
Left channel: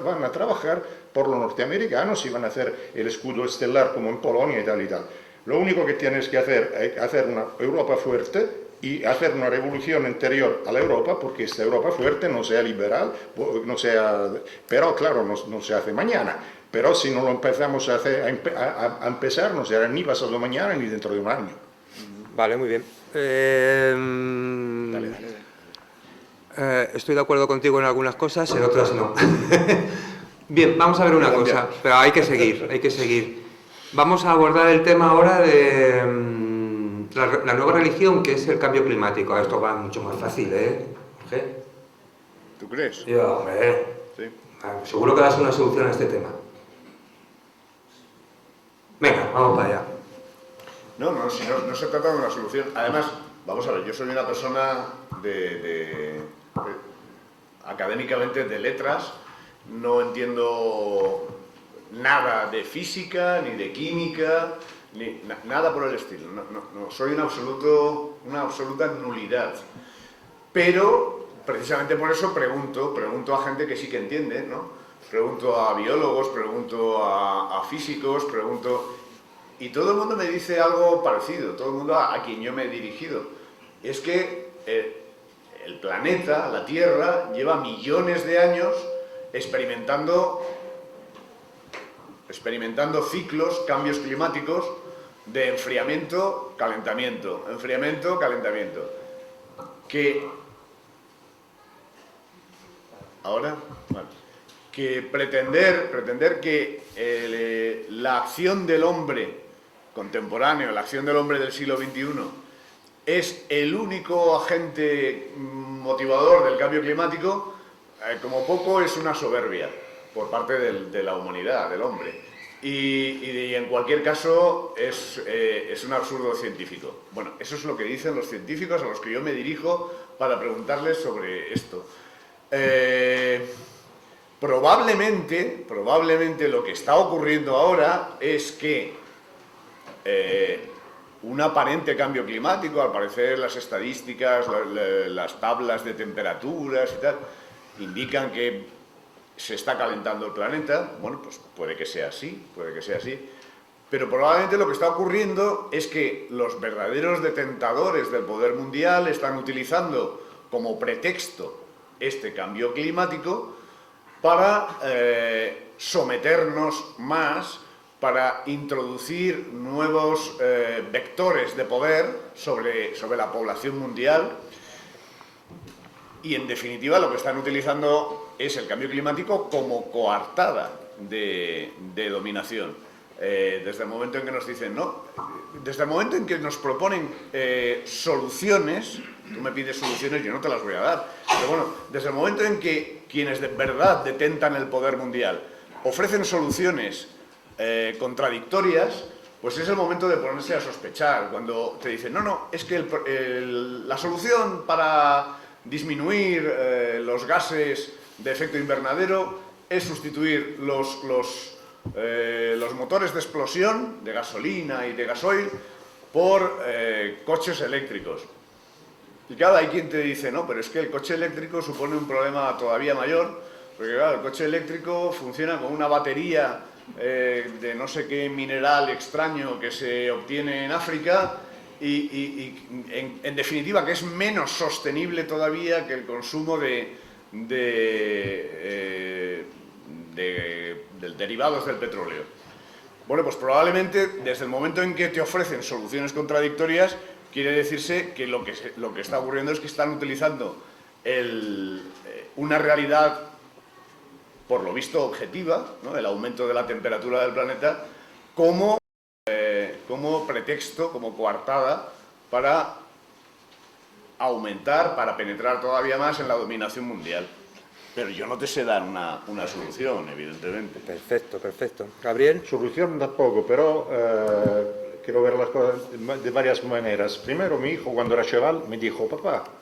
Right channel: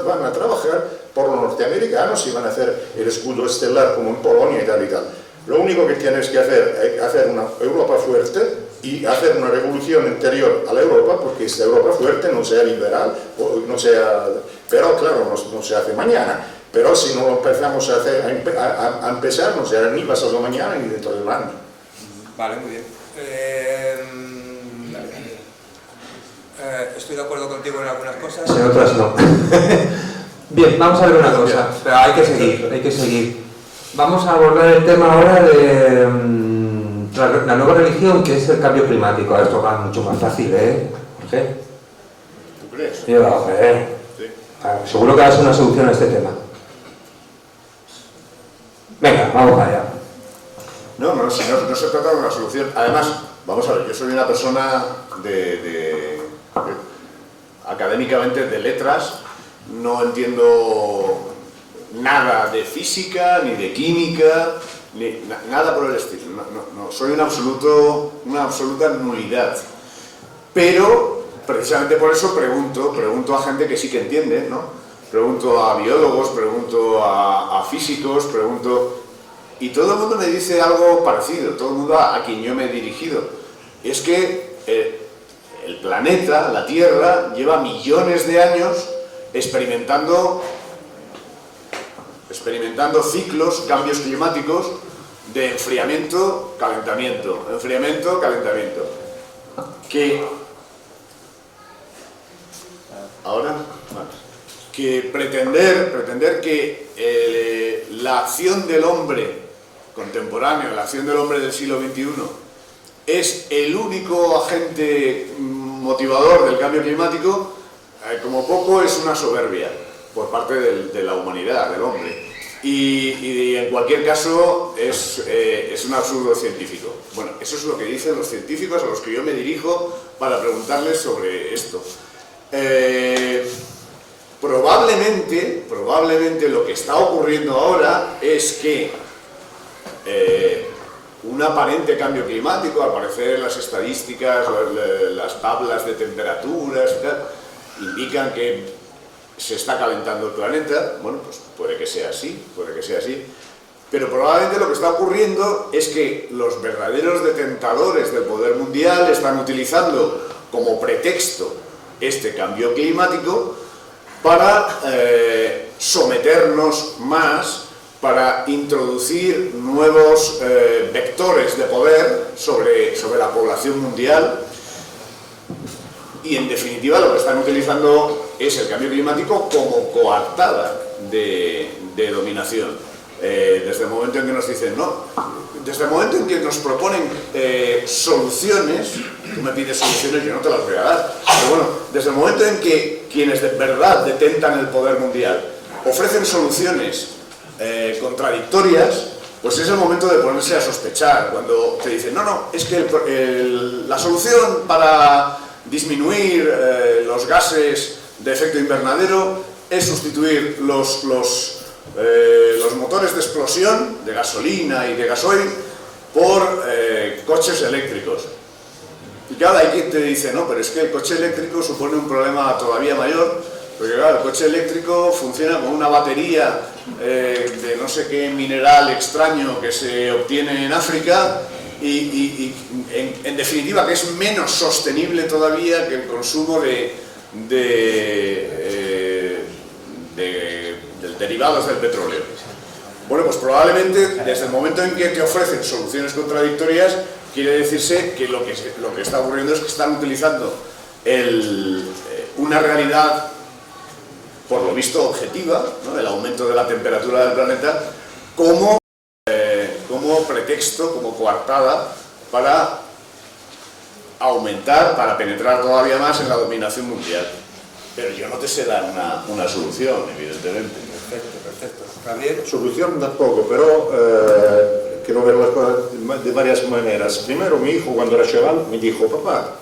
van a trabajar por los norteamericanos y van a hacer el escudo estelar como en Polonia y tal y tal. Lo único que tienes que hacer es hacer una Europa fuerte y hacer una revolución interior a la Europa, porque esta Europa fuerte no sea liberal, no sea, pero claro, no se hace mañana. Pero si no lo empezamos a empezar, no será ni pasado mañana ni dentro de un año. Vale, muy bien. Estoy de acuerdo contigo en algunas cosas, en otras no. Bien, vamos a ver una cosa, pero hay que seguir. Vamos a abordar el tema ahora de la nueva religión, que es el cambio climático. Esto va mucho más fácil, ¿eh? ¿Jorge? ¿Tú crees? Sí. Seguro que va a ser una solución a este tema. Venga, vamos allá. No se trata de una solución. Además, vamos a ver, yo soy una persona académicamente de letras, no entiendo nada de física, ni de química, ni nada por el estilo. No, soy una absoluta nulidad. Pero, precisamente por eso pregunto a gente que sí que entiende, ¿no? Pregunto a biólogos, pregunto a físicos, y todo el mundo me dice algo parecido, todo el mundo a quien yo me he dirigido. Es que el planeta, la Tierra, lleva millones de años experimentando ciclos, cambios climáticos de enfriamiento, calentamiento, enfriamiento, calentamiento. Que pretender que la acción del hombre contemporáneo, la acción del hombre del siglo XXI, es el único agente motivador del cambio climático, como poco es una soberbia por parte de la humanidad, del hombre. Y en cualquier caso es un absurdo científico. Bueno, eso es lo que dicen los científicos a los que yo me dirijo para preguntarles sobre esto. probablemente lo que está ocurriendo ahora es que un aparente cambio climático, al parecer las estadísticas, las tablas de temperaturas y tal, indican que se está calentando el planeta. Bueno, pues puede que sea así, pero probablemente lo que está ocurriendo es que los verdaderos detentadores del poder mundial están utilizando como pretexto este cambio climático para someternos más, para introducir nuevos vectores de poder sobre la población mundial, y en definitiva lo que están utilizando es el cambio climático como coartada de dominación. Desde el momento en que nos dicen no, desde el momento en que nos proponen soluciones, tú me pides soluciones, yo no te las voy a dar, pero bueno, desde el momento en que quienes de verdad detentan el poder mundial ofrecen soluciones contradictorias, pues es el momento de ponerse a sospechar. Cuando te dicen, no, es que la solución para disminuir los gases de efecto invernadero es sustituir los motores de explosión de gasolina y de gasoil por coches eléctricos. Y claro, hay quien te dice, no, pero es que el coche eléctrico supone un problema todavía mayor, porque claro, el coche eléctrico funciona con una batería de no sé qué mineral extraño que se obtiene en África y en definitiva que es menos sostenible todavía que el consumo de derivados del petróleo. Bueno, pues probablemente desde el momento en que te ofrecen soluciones contradictorias, quiere decirse que lo que está ocurriendo es que están utilizando una realidad, por lo visto objetiva, ¿no?, el aumento de la temperatura del planeta, como pretexto, como coartada para aumentar, para penetrar todavía más en la dominación mundial. Pero yo no te sé dar una solución, evidentemente. Perfecto. Gabriel. Solución tampoco, pero quiero ver las cosas de varias maneras. Primero, mi hijo cuando era chaval me dijo, papá,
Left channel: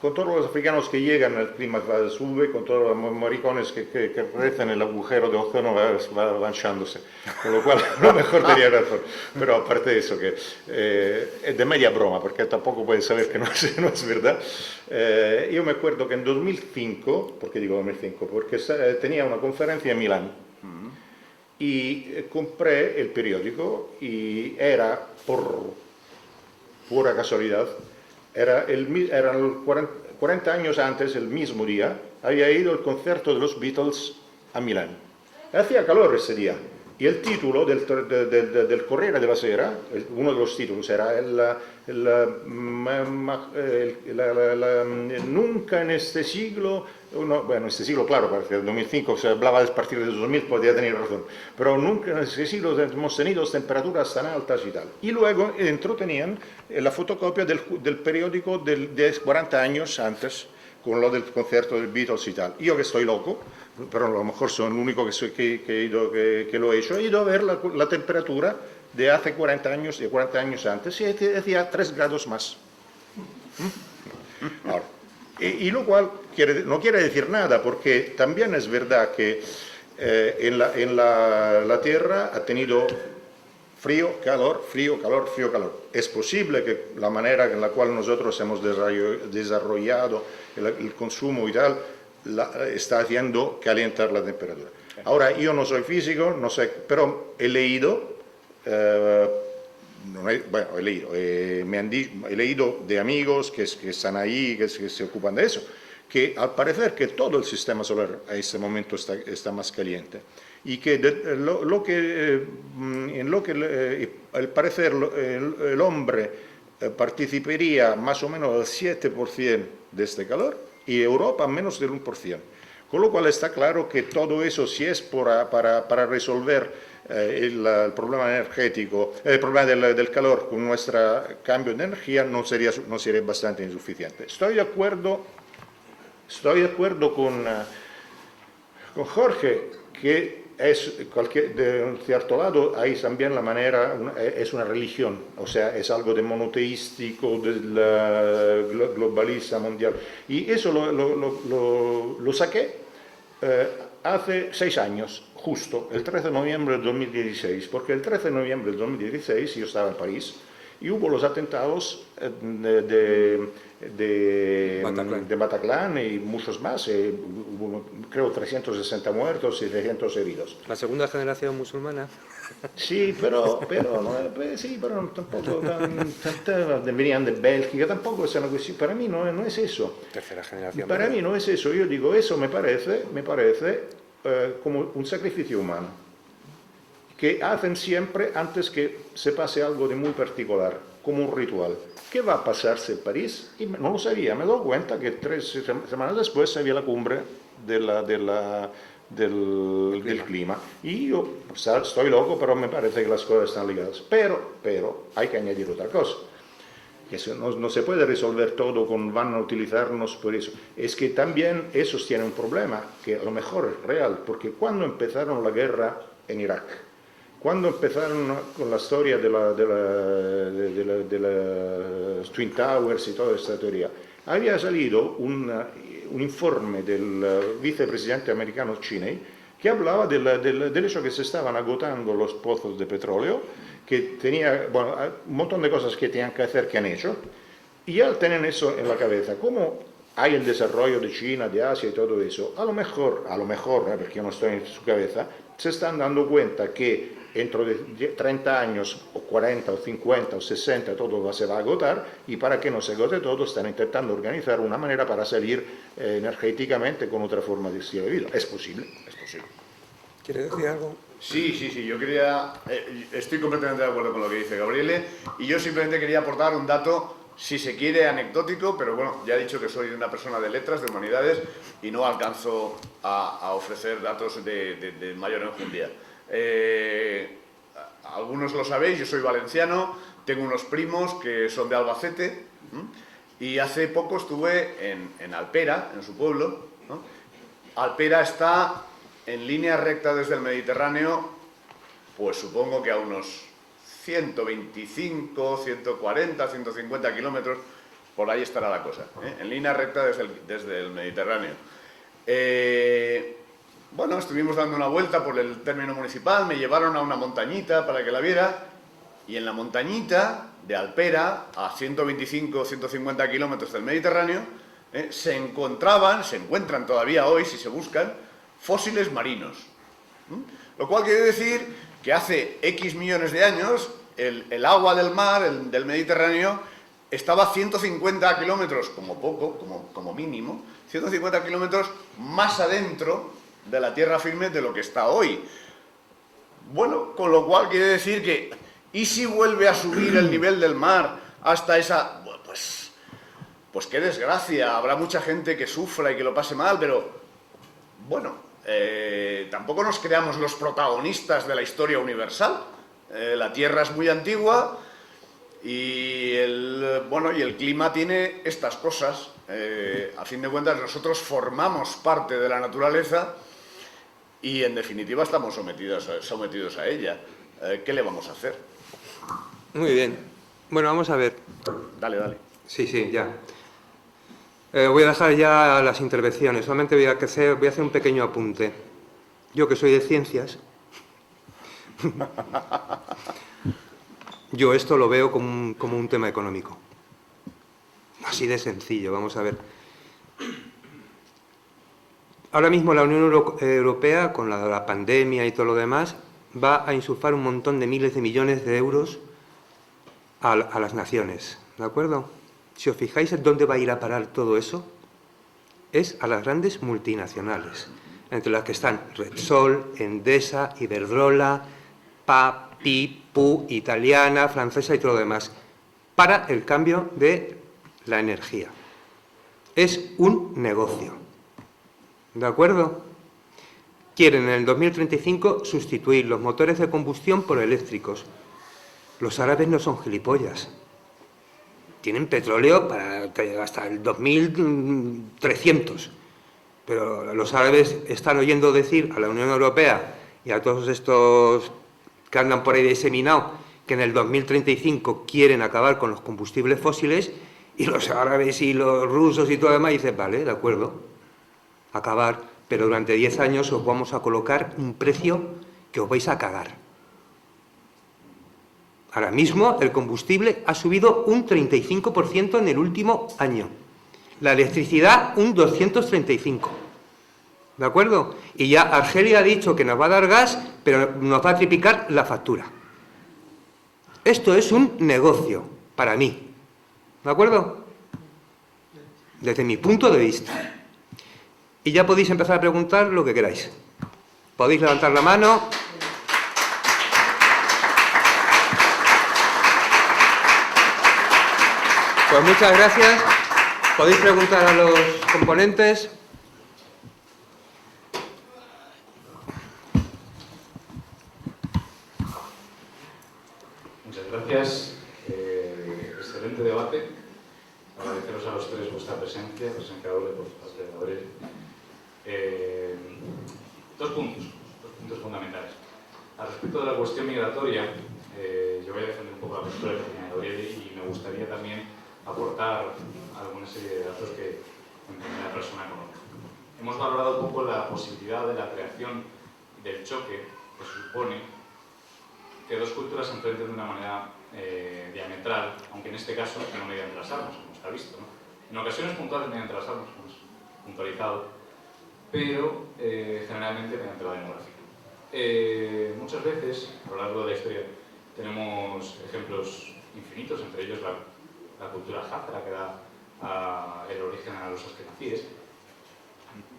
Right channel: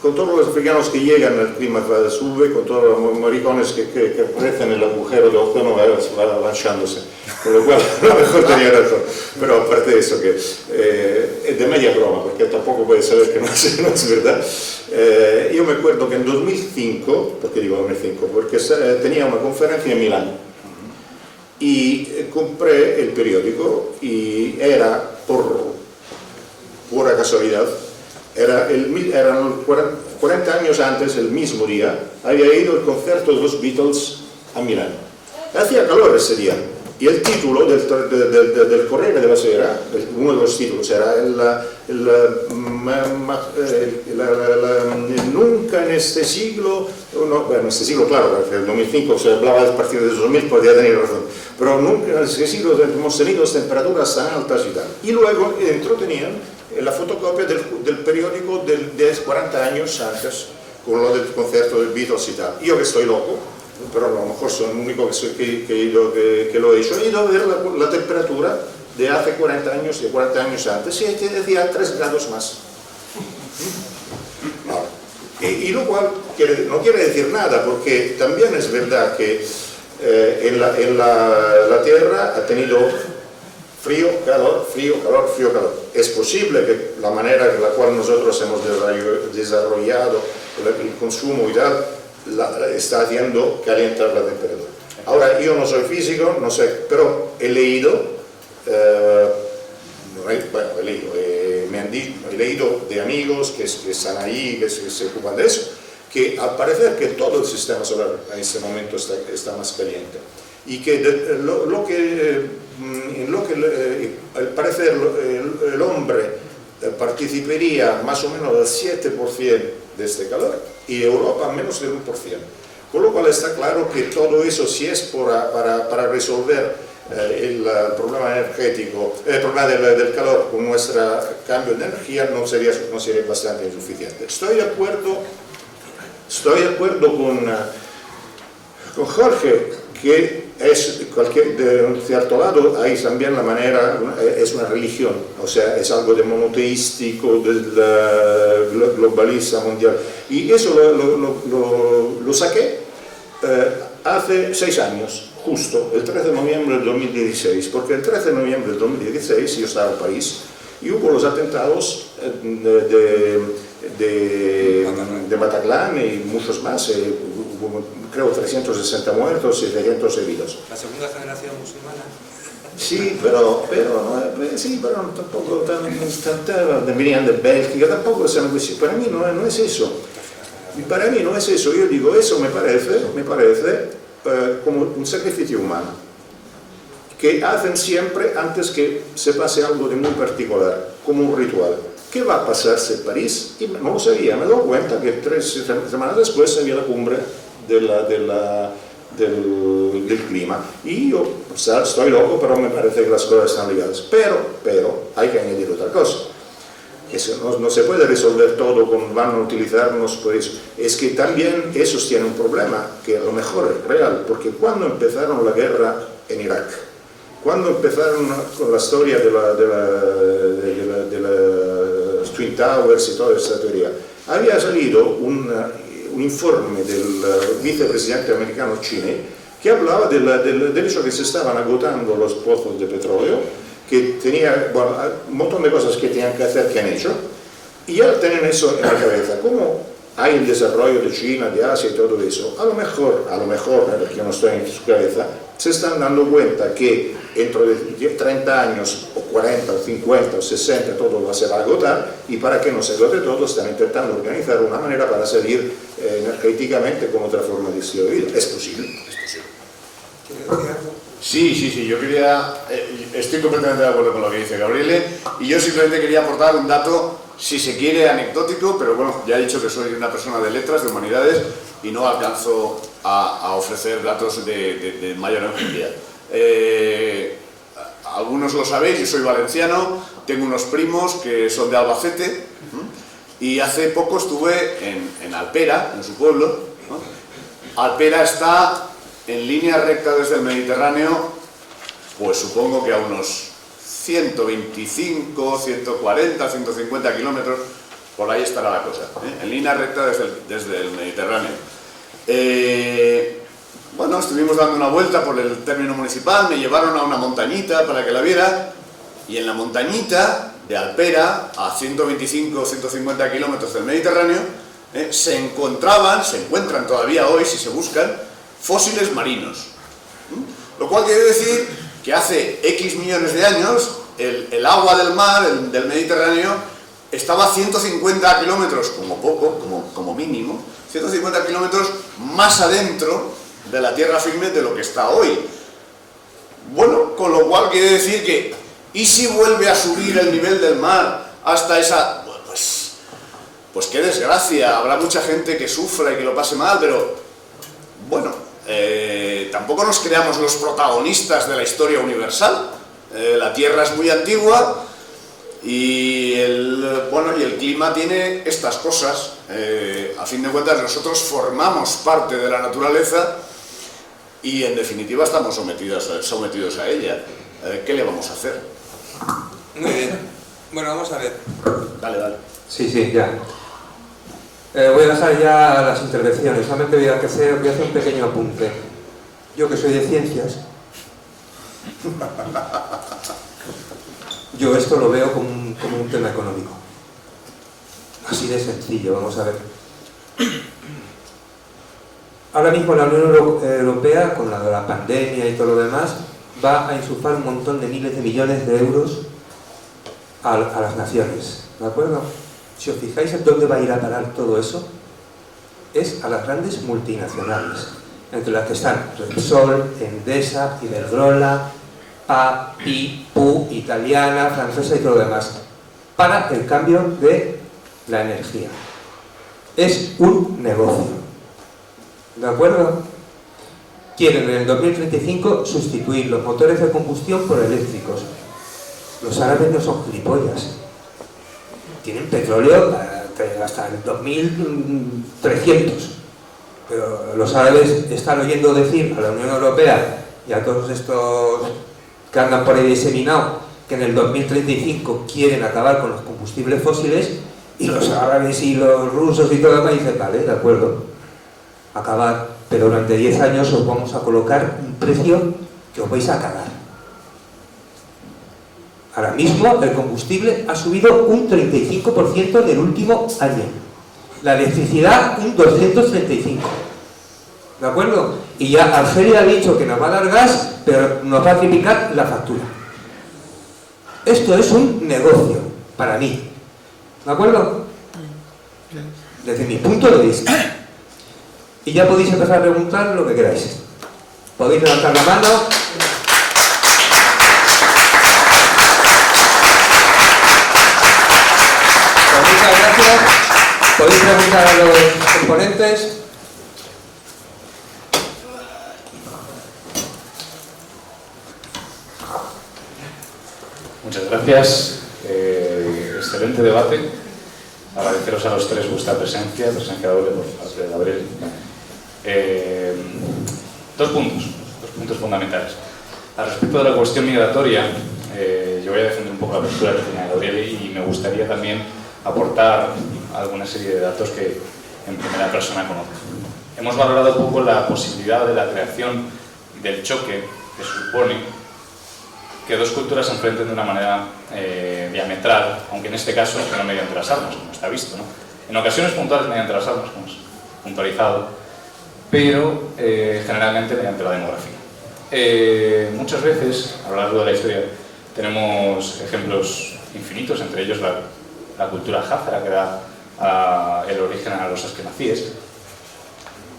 con todos los africanos que llegan, el clima sube, con todos los maricones que aparecen en el agujero de ozono va avanchándose. Con lo cual, a lo mejor tenía razón. Pero aparte de eso, que es de media broma, porque tampoco puede saber que no es verdad. Yo me acuerdo que en 2005, ¿por qué digo 2005? Porque tenía una conferencia en Milán y compré el periódico y era, por pura casualidad, eran 40 años antes, el mismo día, había ido al concierto de los Beatles a Milán. Hacía calor ese día y el título del Corriere della Sera, uno de los títulos era nunca en este siglo, bueno, en este siglo claro, porque en el 2005 se hablaba a partir de 2000, podría tener razón, pero nunca en este siglo hemos tenido temperaturas tan altas y tal. Y luego dentro tenían la fotocopia del periódico de 40 años antes, con lo del concierto del Beatles y tal. Yo que estoy loco, pero a lo mejor soy el único que lo he hecho, he ido a ver la temperatura de hace 40 años, de 40 años antes, y te decía 3 grados más. Y lo cual no quiere decir nada, porque también es verdad que la Tierra ha tenido frío, calor, frío, calor, frío, calor. Es posible que la manera en la cual nosotros hemos desarrollado el consumo y tal, está haciendo calentar la temperatura. Ahora, yo no soy físico, no sé, pero he leído, he leído de amigos que están ahí, que se ocupan de eso, que al parecer que todo el sistema solar en este momento está más caliente. Y que al parecer el hombre participaría más o menos del 7% de este calor y Europa menos del 1%. Con lo cual está claro que todo eso, si es para resolver el problema energético, el problema del calor con nuestro cambio de energía, no sería bastante insuficiente. Estoy de acuerdo con Jorge, que de un cierto lado hay también la manera, es una religión, o sea, es algo de monoteístico, del globalista mundial. Y eso lo saqué hace 6 años, justo, el 13 de noviembre de 2016, porque el 13 de noviembre de 2016 yo estaba en París y hubo los atentados de Bataclan y muchos más, hubo, creo 360 muertos y 300 heridos. La segunda generación musulmana. Sí, pero tampoco venían de Bélgica, tampoco para mí no es eso. Para mí no es eso, yo digo, eso me parece como un sacrificio humano, que hacen siempre antes que se pase algo de muy particular, como un ritual. ¿Qué va a pasarse en París? Y no lo sabía, me he dado cuenta que 3 semanas después había la cumbre del clima. Y yo estoy loco, pero me parece que las cosas están ligadas. Pero hay que añadir otra cosa. Eso no se puede resolver todo con van a utilizarnos por eso. Es que también esos tienen un problema, que a lo mejor es real, porque cuando empezaron la guerra en Irak, cuando empezaron con la historia de las Twin Towers y toda esta teoría, había salido un informe del vicepresidente americano Cheney que hablaba del hecho que se estaban agotando los pozos de petróleo, que tenía un montón de cosas que tenían que hacer, que han hecho, y al tener eso en la cabeza, como hay el desarrollo de China, de Asia y todo eso, a lo mejor, porque yo no estoy en su cabeza, se están dando cuenta que dentro de 30 años, o 40, o 50, o 60, todo se va a agotar, y para que no se agote todo, están intentando organizar una manera para salir energéticamente con otra forma de estilo de vida. Es posible. ¿Quiere decir algo? Sí, yo quería, estoy completamente de acuerdo con lo que dice Gabriele, y yo simplemente quería aportar un dato, si se quiere, anecdótico, pero bueno, ya he dicho que soy una persona de letras, de humanidades, y no alcanzo a ofrecer datos de mayor longevidad. Algunos lo sabéis, yo soy valenciano, tengo unos primos que son de Albacete, y hace poco estuve en Alpera, en su pueblo, ¿no? Alpera está en línea recta desde el Mediterráneo, pues supongo que a unos 125, 140, 150 kilómetros, por ahí estará la cosa, ¿eh? En línea recta desde el Mediterráneo. Bueno, estuvimos dando una vuelta por el término municipal, me llevaron a una montañita para que la viera, y en la montañita de Alpera, a 125 o 150 kilómetros del Mediterráneo, se encuentran todavía hoy, si se buscan, fósiles marinos. Lo cual quiere decir que hace X millones de años el agua del mar, del Mediterráneo, estaba a 150 kilómetros, como poco, como mínimo, 150 kilómetros más adentro de la tierra firme de lo que está hoy. Bueno, con lo cual quiere decir que, ¿y si vuelve a subir el nivel del mar hasta esa...? Pues qué desgracia, habrá mucha gente que sufra y que lo pase mal, pero bueno, tampoco nos creamos los protagonistas de la historia universal. La Tierra es muy antigua y el clima tiene estas cosas. A fin de cuentas, nosotros formamos parte de la naturaleza y en definitiva estamos sometidos a ella. ¿Qué le vamos a hacer? Muy bien. Bueno, vamos a ver. Dale. Sí, ya. Voy a dejar ya las intervenciones, solamente voy a hacer un pequeño apunte. Yo que soy de ciencias, yo esto lo veo como un tema económico. Así de sencillo, vamos a ver. Ahora mismo la Unión Europea, con la pandemia y todo lo demás, va a insuflar un montón de miles de millones de euros a las naciones, ¿de acuerdo? Si os fijáis en dónde va a ir a parar todo eso, es a las grandes multinacionales, entre las que están Repsol, Endesa, Iberdrola, Pi, Pu, italiana, francesa y todo lo demás, para el cambio de la energía. Es un negocio, ¿de acuerdo? Quieren en el 2035 sustituir los motores de combustión por eléctricos. Los árabes no son gilipollas. Tienen petróleo hasta el 2300. Pero los árabes están oyendo decir a la Unión Europea y a todos estos que andan por ahí diseminados que en el 2035 quieren acabar con los combustibles fósiles, y los árabes y los rusos y todo lo demás dicen, vale, de acuerdo. acabar, pero durante 10 años os vamos a colocar un precio que os vais a cagar. Ahora mismo el combustible ha subido un 35% en el último año. La electricidad un 235%. ¿De acuerdo? Y ya Argelia ha dicho que nos va a dar gas, pero nos va a triplicar la factura. Esto es un negocio para mí. ¿De acuerdo? Desde mi punto de vista. Y ya podéis empezar a preguntar lo que queráis. Podéis levantar la mano. Pues muchas gracias. Podéis preguntar a los componentes. Muchas gracias. Excelente debate. Agradeceros a los tres vuestra presencia doble por parte de Gabriel. Dos puntos fundamentales. Al respecto de la cuestión migratoria, yo voy a defender un poco la postura que tenía Gabriel y me gustaría también aportar alguna serie de datos que en primera persona conozco. Hemos valorado un poco la posibilidad de la creación del choque que supone que dos culturas se enfrenten de una manera diametral, aunque en este caso no mediante las armas, como está visto, ¿no? En ocasiones puntuales mediante las armas, como es puntualizado, pero generalmente mediante la demografía. Muchas veces, a lo largo de la historia, tenemos ejemplos infinitos, entre ellos la cultura házara, que da el origen a los askenazíes.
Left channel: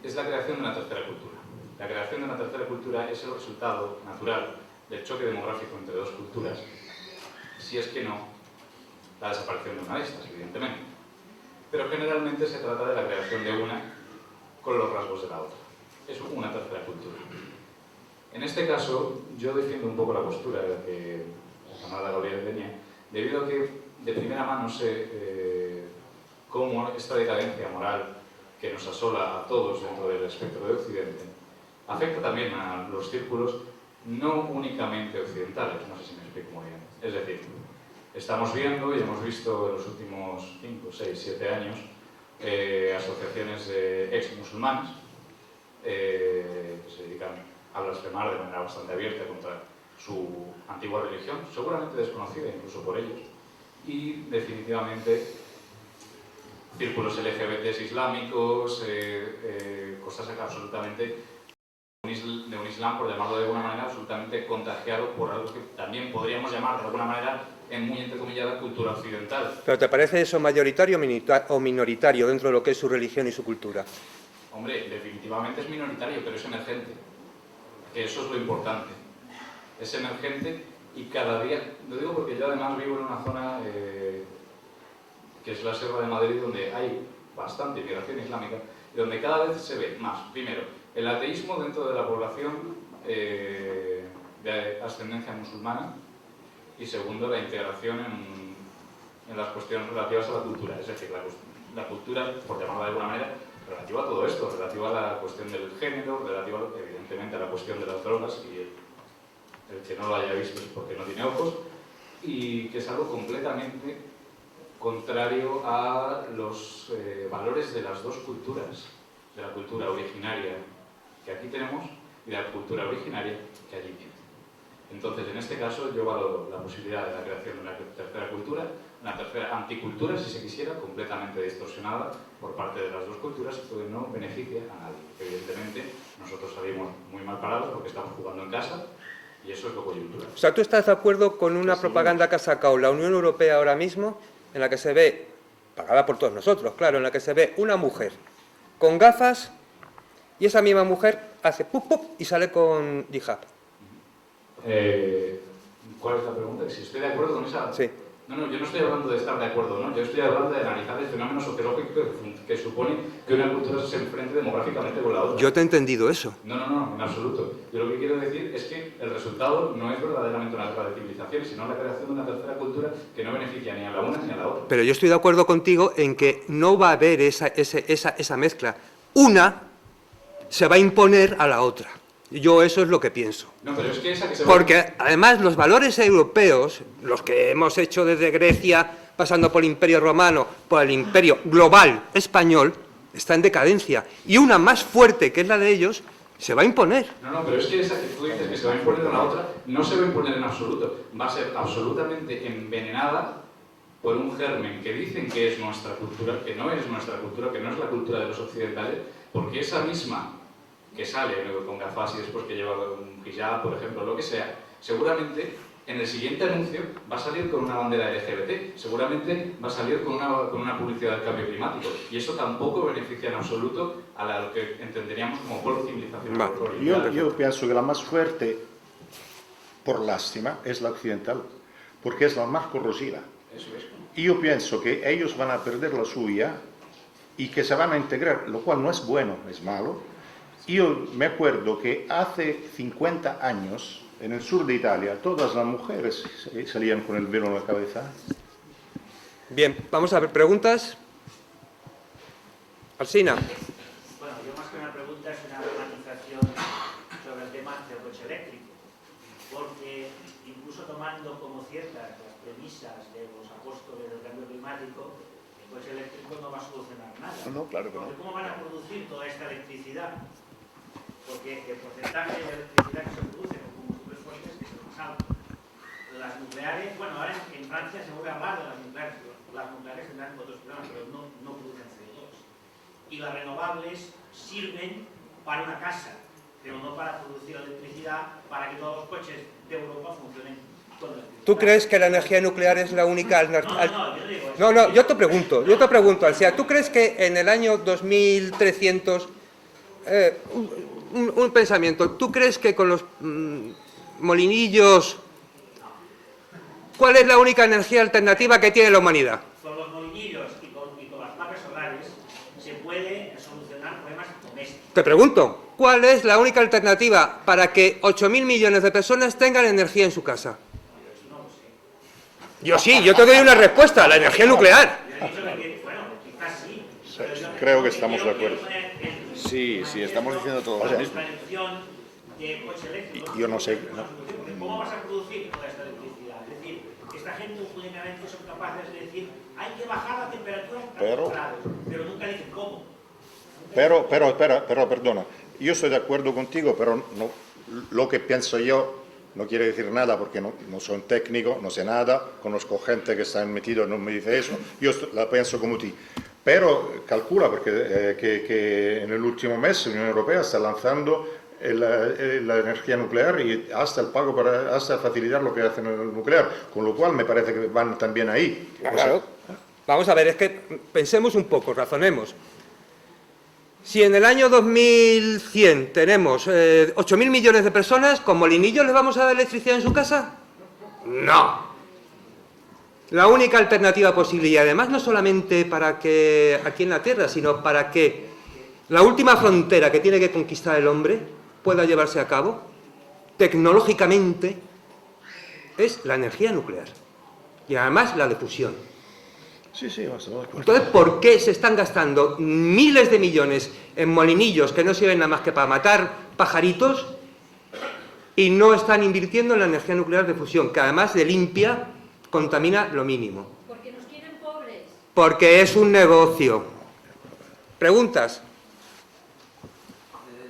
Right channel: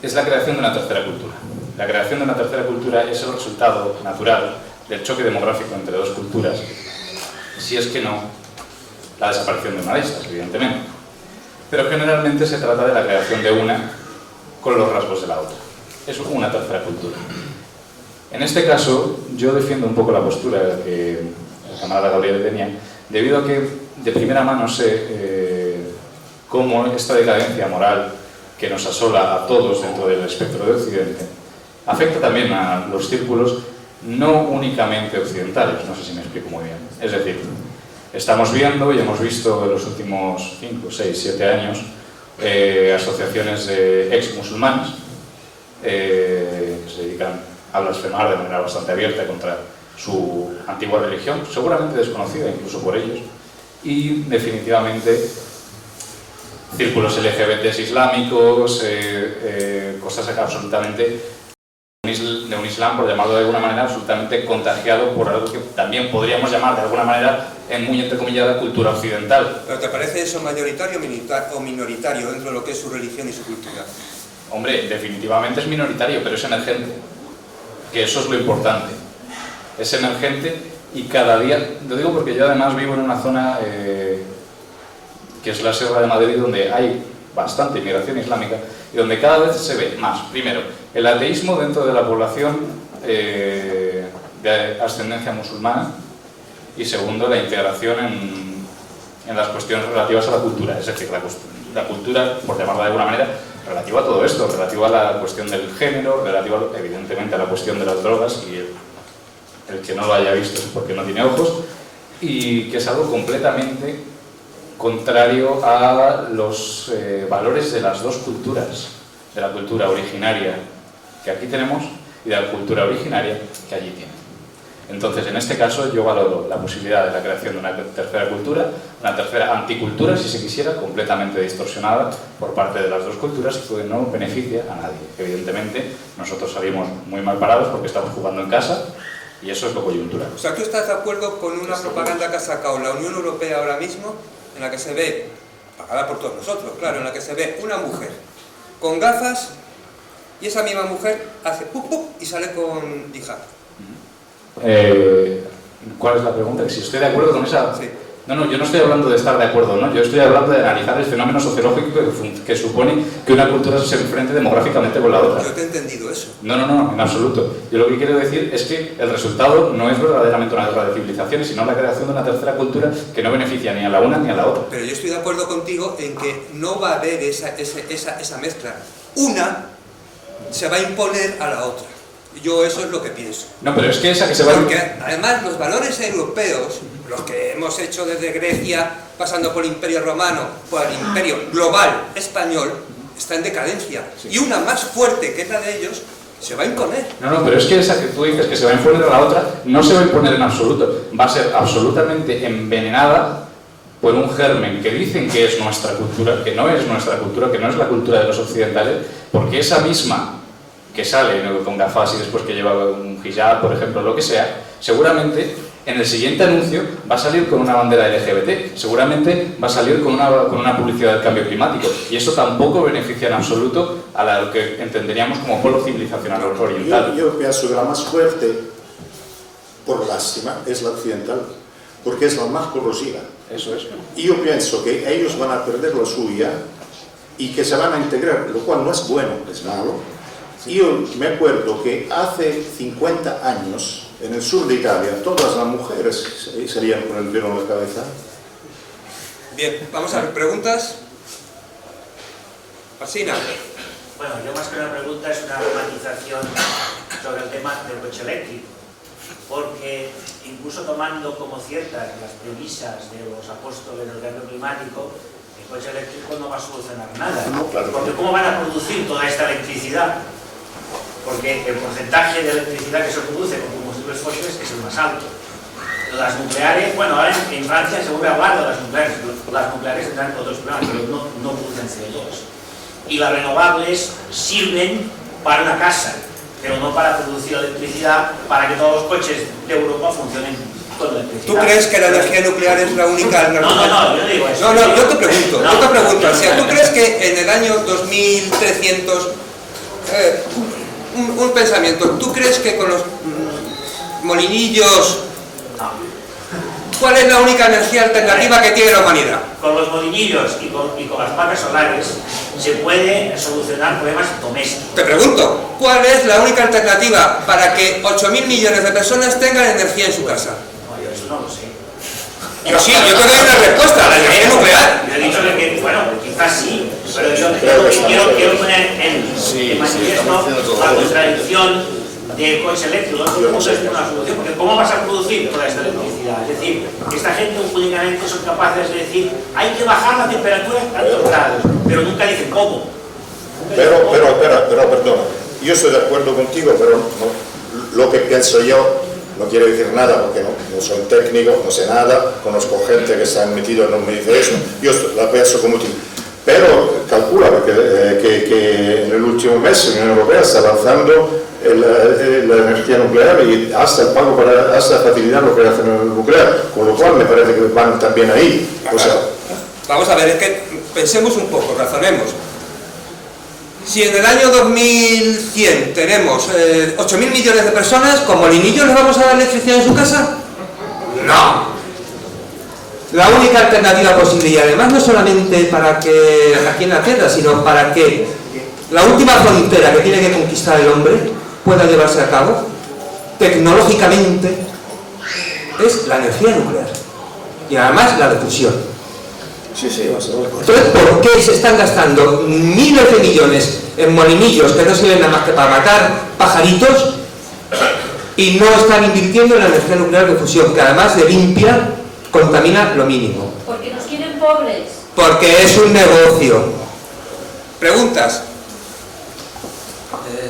Es la creación de una tercera cultura. La creación de una tercera cultura es el resultado natural del choque demográfico entre dos culturas, si es que no, la desaparición de una de estas, evidentemente. Pero generalmente se trata de la creación de una con los rasgos de la otra. Es una tercera cultura. En este caso, yo defiendo un poco la postura que el camarada Gabriel tenía, debido a que de primera mano sé cómo esta decadencia moral que nos asola a todos dentro del espectro de Occidente afecta también a los círculos no únicamente occidentales, no sé si me explico muy bien. Es decir, estamos viendo y hemos visto en los últimos 5, 6, 7 años asociaciones de ex-musulmanes que se dedican a blasfemar de manera bastante abierta contra su antigua religión, seguramente desconocida incluso por ellos, y definitivamente círculos LGBTs islámicos, cosas absolutamente de un islam, por llamarlo de alguna manera, absolutamente contagiado por algo que también podríamos llamar de alguna manera, en muy entrecomillada, cultura occidental. ¿Pero te parece eso mayoritario o minoritario dentro de lo que es su religión y su cultura? Hombre, definitivamente es minoritario, pero es emergente, que eso es lo importante. Es emergente y cada día, lo digo porque yo además vivo en una zona que es la Sierra de Madrid, donde hay bastante inmigración islámica y donde cada vez se ve más, primero, el ateísmo dentro de la población de ascendencia musulmana y segundo, la integración en las cuestiones relativas a la cultura, es decir, la cultura, por llamarla de alguna manera, relativa a todo esto, relativa a la cuestión del género, relativa evidentemente a la cuestión de las drogas, y el que no lo haya visto es porque no tiene ojos, y que es algo completamente contrario a los valores de las dos culturas, de la cultura originaria que aquí tenemos y de la cultura originaria que allí tienen. Entonces, en este caso, yo valoro la posibilidad de la creación de una tercera cultura, una tercera anticultura, si se quisiera, completamente distorsionada por parte de las dos culturas y que no beneficia a nadie. Evidentemente, nosotros salimos muy mal parados porque estamos jugando en casa y eso es lo coyuntural. O sea, ¿tú estás de acuerdo con una propaganda que ha sacado la Unión Europea ahora mismo, en la que se ve, pagada por todos nosotros, claro, en la que se ve una mujer con gafas y esa misma mujer hace pup pup y sale con hijab? ¿Cuál es la pregunta? Que si estoy de acuerdo con esa... Sí. No, yo no estoy hablando de estar de acuerdo, ¿no? Yo estoy hablando de analizar el fenómeno sociológico que supone que una cultura se enfrente demográficamente con la otra. Yo te he entendido eso. No, en absoluto. Yo lo que quiero decir es que el resultado no es verdaderamente una guerra de civilizaciones, sino la creación de una tercera cultura que no beneficia ni a la una ni a la otra. Pero yo estoy de acuerdo contigo en que no va a haber esa mezcla. Una se va a imponer a la otra. Yo eso es lo que pienso. No, pero es que esa que se va... Porque además los valores europeos, los que hemos hecho desde Grecia, pasando por el Imperio Romano, por el Imperio global español, está en decadencia. Y una más fuerte, que es la de ellos, se va a imponer. No, pero es que esa que tú dices que se va a imponer a la otra, no se va a imponer en absoluto. Va a ser absolutamente envenenada por un germen que dicen que es nuestra cultura, que no es nuestra cultura, que no es la cultura de los occidentales, porque esa misma que sale con gafas y después que lleva un hijab, por ejemplo, lo que sea, seguramente en el siguiente anuncio va a salir con una bandera LGBT, seguramente va a salir con una publicidad del cambio climático, y eso tampoco beneficia en absoluto a lo que entenderíamos como polo civilizacional oriental. Yo pienso que la más fuerte, por lástima, es la occidental, porque es la más corrosiva. Eso es. Y yo pienso que ellos van a perder la suya y que se van a integrar, lo cual no es bueno, es malo. Yo me acuerdo que hace 50 años, en el sur de Italia, todas las mujeres salían con el velo en la cabeza. Bien, vamos a ver, ¿preguntas? Alsina. Bueno, yo más que una pregunta es una matización sobre el tema del coche eléctrico, porque incluso tomando como ciertas las premisas de los apóstoles del cambio climático, el coche eléctrico no va a solucionar nada, No, claro. porque ¿cómo van a producir toda esta electricidad? Porque el porcentaje de electricidad que se produce con combustibles fósiles es el más alto. Las nucleares, bueno, ahora en Francia se vuelve a hablar de las nucleares tendrán otros problemas, pero no producen CO2. Y las renovables sirven para una casa, pero no para producir electricidad para que todos los coches de Europa funcionen con electricidad. ¿Tú crees que la energía nuclear es la única alternativa? No, yo digo eso. No, yo te pregunto, o sea, ¿tú crees que en el año 2300, un pensamiento, ¿tú crees que con los molinillos, cuál es la única energía alternativa que tiene la humanidad? Con los molinillos y con las placas solares se puede solucionar problemas domésticos. Te pregunto, ¿cuál es la única alternativa para que 8.000 millones de personas tengan energía en su casa? No, yo eso no lo sé. Yo sí, yo te doy una respuesta, la energía nuclear. Yo he dicho que bueno, quizás sí, pero yo quiero poner en manifiesto la contradicción del coche eléctrico. ¿Cómo es una solución? Porque ¿cómo vas a producir toda esta electricidad? Es decir, esta gente únicamente son capaces de decir hay que bajar la temperatura a tantos grados, pero nunca dicen cómo. Pero, perdona, yo estoy de acuerdo contigo, pero no, lo que pienso yo no quiero decir nada porque no soy técnico, no sé nada, conozco gente que está metida, no me dice eso, yo la pienso como tú. Pero calcula que en el último mes la Unión Europea está lanzando la energía nuclear y hasta el pago hasta facilitar lo que hace el nuclear, con lo cual me parece que van también ahí. O sea, vamos a ver, es que pensemos un poco, razonemos. Si en el año 2100 tenemos 8.000 millones de personas, ¿con molinillos les vamos a dar electricidad en su casa? No. La única alternativa posible, y además no solamente para que aquí en la Tierra, sino para que la última frontera que tiene que conquistar el hombre pueda llevarse a cabo tecnológicamente, es la energía nuclear. Y además la de fusión. sí, Entonces, ¿por qué se están gastando miles de millones en molinillos que no sirven nada más que para matar pajaritos y no están invirtiendo en la energía nuclear de fusión, que además de limpia, contamina lo mínimo? Porque nos quieren pobres. Porque es un negocio. ¿Preguntas?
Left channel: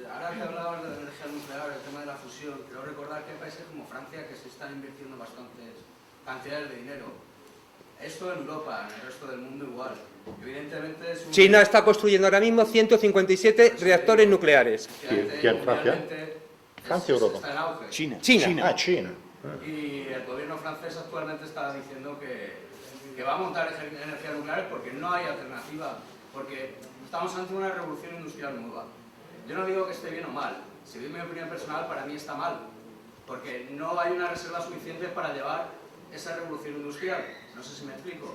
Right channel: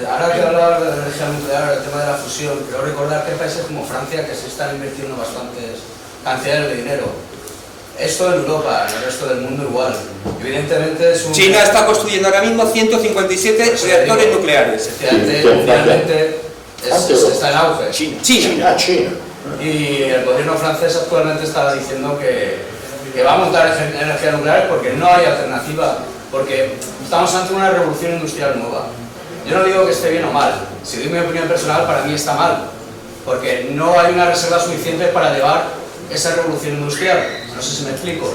Ahora que hablar de la energía nuclear, el tema de la fusión, quiero recordar que hay países como Francia que se están invirtiendo bastantes cantidades de dinero. Esto en Europa, en el resto del mundo igual. Evidentemente es un... China está construyendo ahora mismo 157 reactores nucleares. Finalmente está en auge. China. Y el gobierno francés actualmente está diciendo que va a montar energía nuclear porque no hay alternativa, porque estamos ante una revolución industrial nueva. Yo no digo que esté bien o mal, si doy mi opinión personal, para mí está mal, porque no hay una reserva suficiente para llevar esa revolución industrial. No sé si me explico.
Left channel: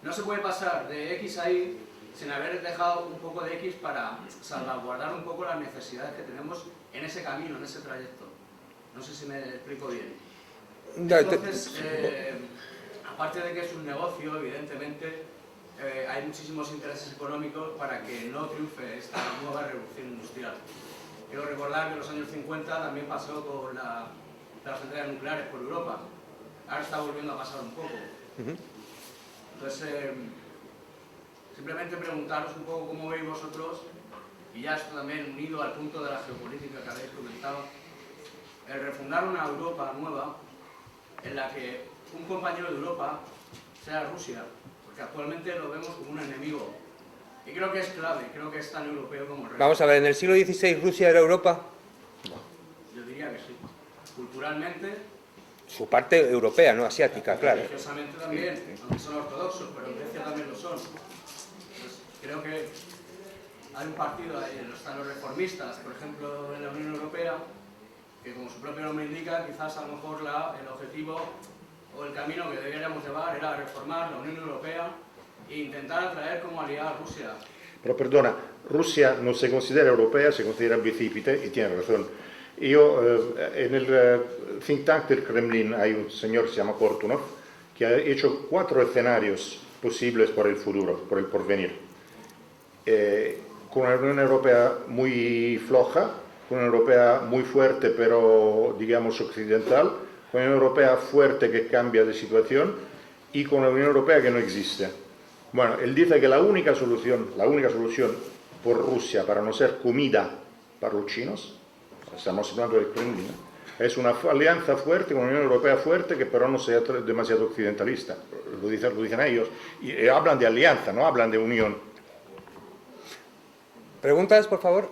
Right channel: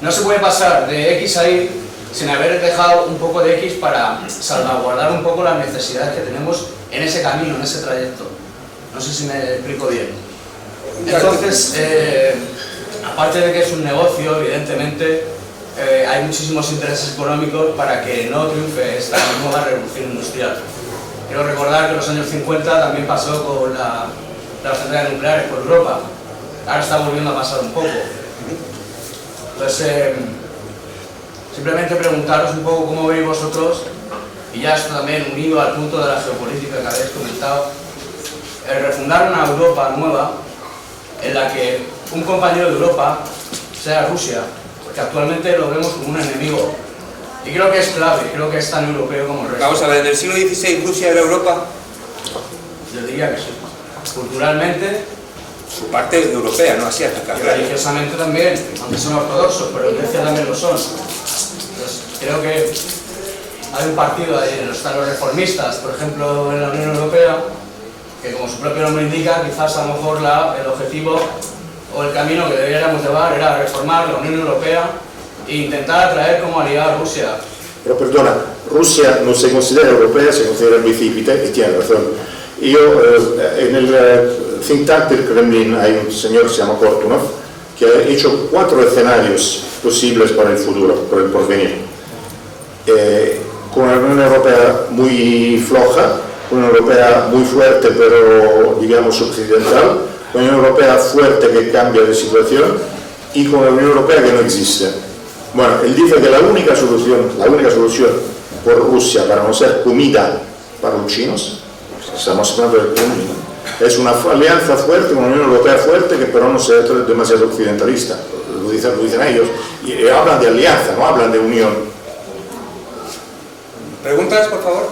No se puede pasar de X a Y sin haber dejado un poco de X para salvaguardar un poco las necesidades que tenemos en ese camino, en ese trayecto. No sé si me explico bien. Entonces, aparte de que es un negocio, evidentemente, hay muchísimos intereses económicos para que no triunfe esta nueva revolución industrial. Quiero recordar que en los años 50 también pasó con las centrales nucleares por Europa. Ahora está volviendo a pasar un poco. Entonces, simplemente preguntaros un poco cómo veis vosotros, y ya esto también unido al punto de la geopolítica que habéis comentado, el refundar una Europa nueva en la que un compañero de Europa sea Rusia, porque actualmente lo vemos como un enemigo. Y creo que es clave, creo que es tan europeo como el resto. Vamos a ver, ¿en el siglo XVI Rusia era Europa? Yo diría que sí. Culturalmente Su parte europea, no asiática. y religiosamente también, aunque son ortodoxos, pero en Grecia también lo son. Entonces, creo que hay un partido ahí, están los reformistas, por ejemplo, en la Unión Europea, que como su propio nombre indica, quizás a lo mejor el objetivo o el camino que deberíamos llevar era reformar la Unión Europea e intentar atraer como aliada a Rusia. Pero perdona, Rusia no se considera europea, se considera bicípite, y tiene razón. Yo, en el think tank del Kremlin hay un señor que se llama Kortunov, que ha hecho 4 escenarios posibles para el futuro, para el porvenir. Con una Unión Europea muy floja, una Unión Europea muy fuerte pero digamos occidental, una Unión Europea fuerte que cambia de situación y con una Unión Europea que no existe. Bueno, él dice que la única solución por Rusia para no ser comida para los chinos, estamos hablando del Kremlin, es una alianza fuerte, una Unión Europea fuerte que pero no sea demasiado occidentalista, lo dicen ellos, y hablan de alianza, no hablan de unión. ¿Preguntas, por favor?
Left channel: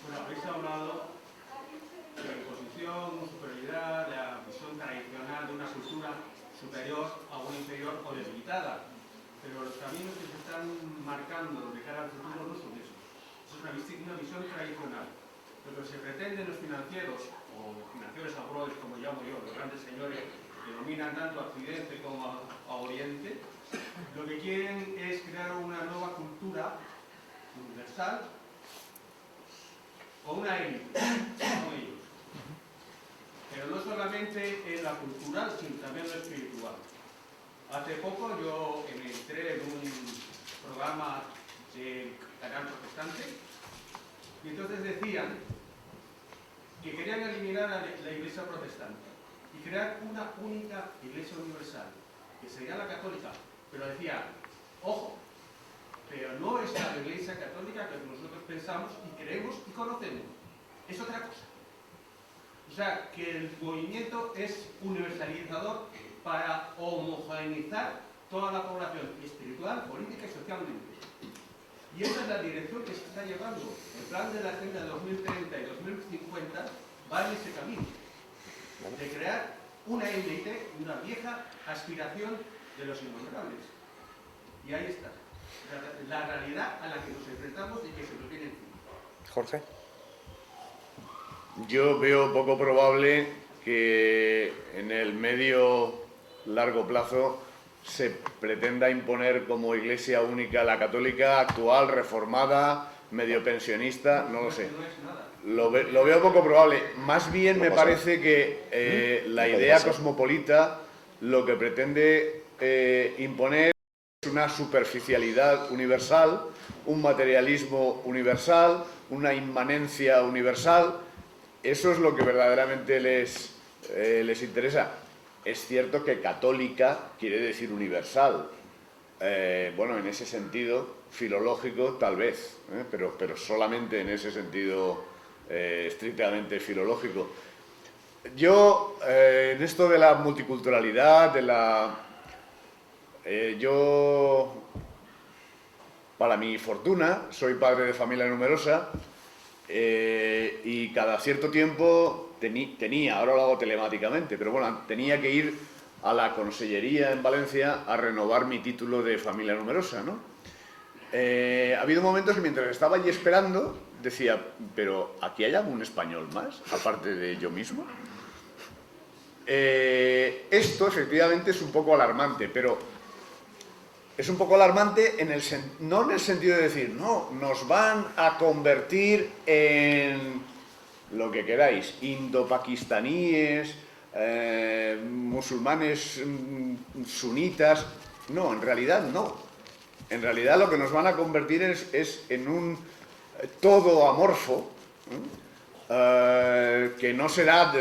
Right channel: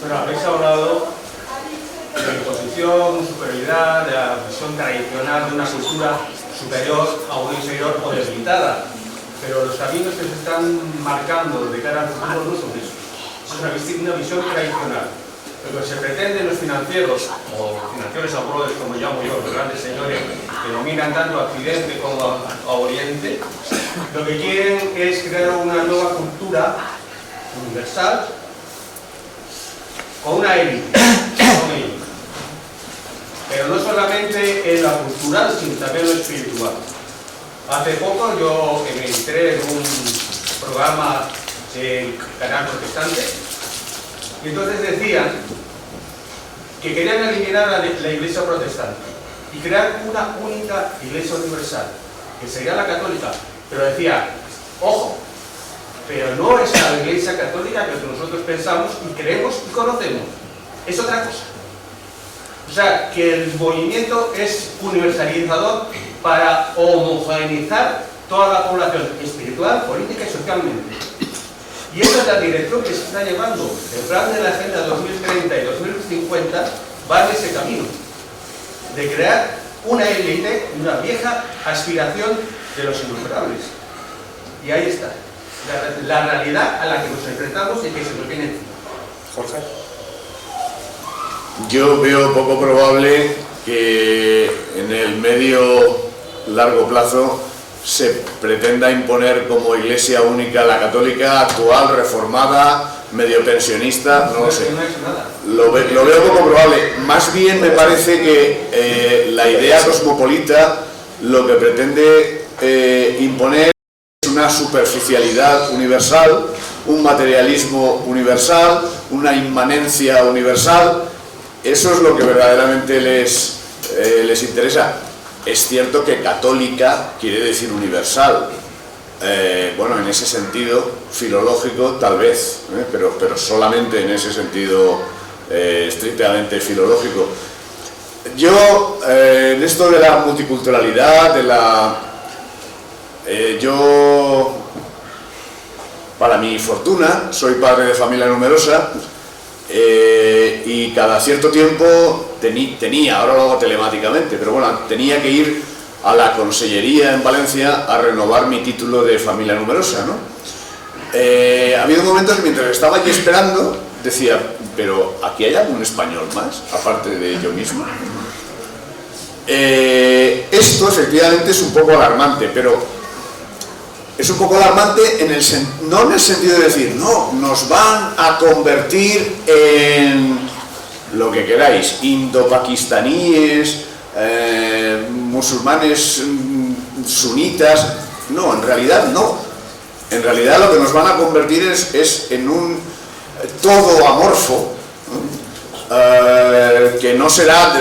Bueno, habéis hablado de la imposición, superioridad, de la visión tradicional de una cultura superior a una inferior o debilitada, pero los caminos que se están marcando de cara al futuro no son esos. Es una visión tradicional. Lo que se pretende en los financieros, o financieros abrodes, como llamo yo, los grandes señores que dominan tanto a Occidente como a Oriente, lo que quieren es crear una nueva cultura universal con una élite, con ellos. Pero no solamente en la cultural, sino también en lo espiritual. Hace poco yo me entré en un programa del canal protestante y entonces decían que querían eliminar la iglesia protestante y crear una única iglesia universal, que sería la católica, pero decía, ojo, pero no es la iglesia católica que nosotros pensamos y creemos y conocemos, es otra cosa. O sea, que el movimiento es universalizador para homogeneizar toda la población espiritual, política y socialmente. Y esa es la dirección que se está llevando. El plan de la Agenda 2030 y 2050 va en ese camino, de crear una élite, una vieja aspiración de los innumerables. Y ahí está, la realidad a la que nos enfrentamos y que se nos viene encima. Jorge. Yo veo poco probable que en el medio largo plazo se pretenda imponer como iglesia única la católica actual, reformada, medio pensionista, no lo sé. Lo veo poco probable. Más bien me parece que la idea cosmopolita lo que pretende imponer es una superficialidad universal, un materialismo universal, una inmanencia universal. Eso es lo que verdaderamente les interesa. Es cierto que católica quiere decir universal. Bueno, en ese sentido filológico tal vez, pero solamente en ese sentido estrictamente filológico. Yo, en esto de la multiculturalidad, yo, para mi fortuna, soy padre de familia numerosa. Y cada cierto tiempo tenía, ahora lo hago telemáticamente, pero bueno, tenía que ir a la consellería en Valencia a renovar mi título de familia numerosa, ¿no? Ha habido momentos mientras estaba allí esperando, decía, pero ¿aquí hay algún español más, aparte de yo mismo? Esto efectivamente es un poco alarmante, pero es un poco alarmante no en el sentido de decir, no, nos van a convertir en lo que queráis, indo-pakistaníes, musulmanes sunitas. No, en realidad no. En realidad lo que nos van a convertir es en un todo amorfo, que no será,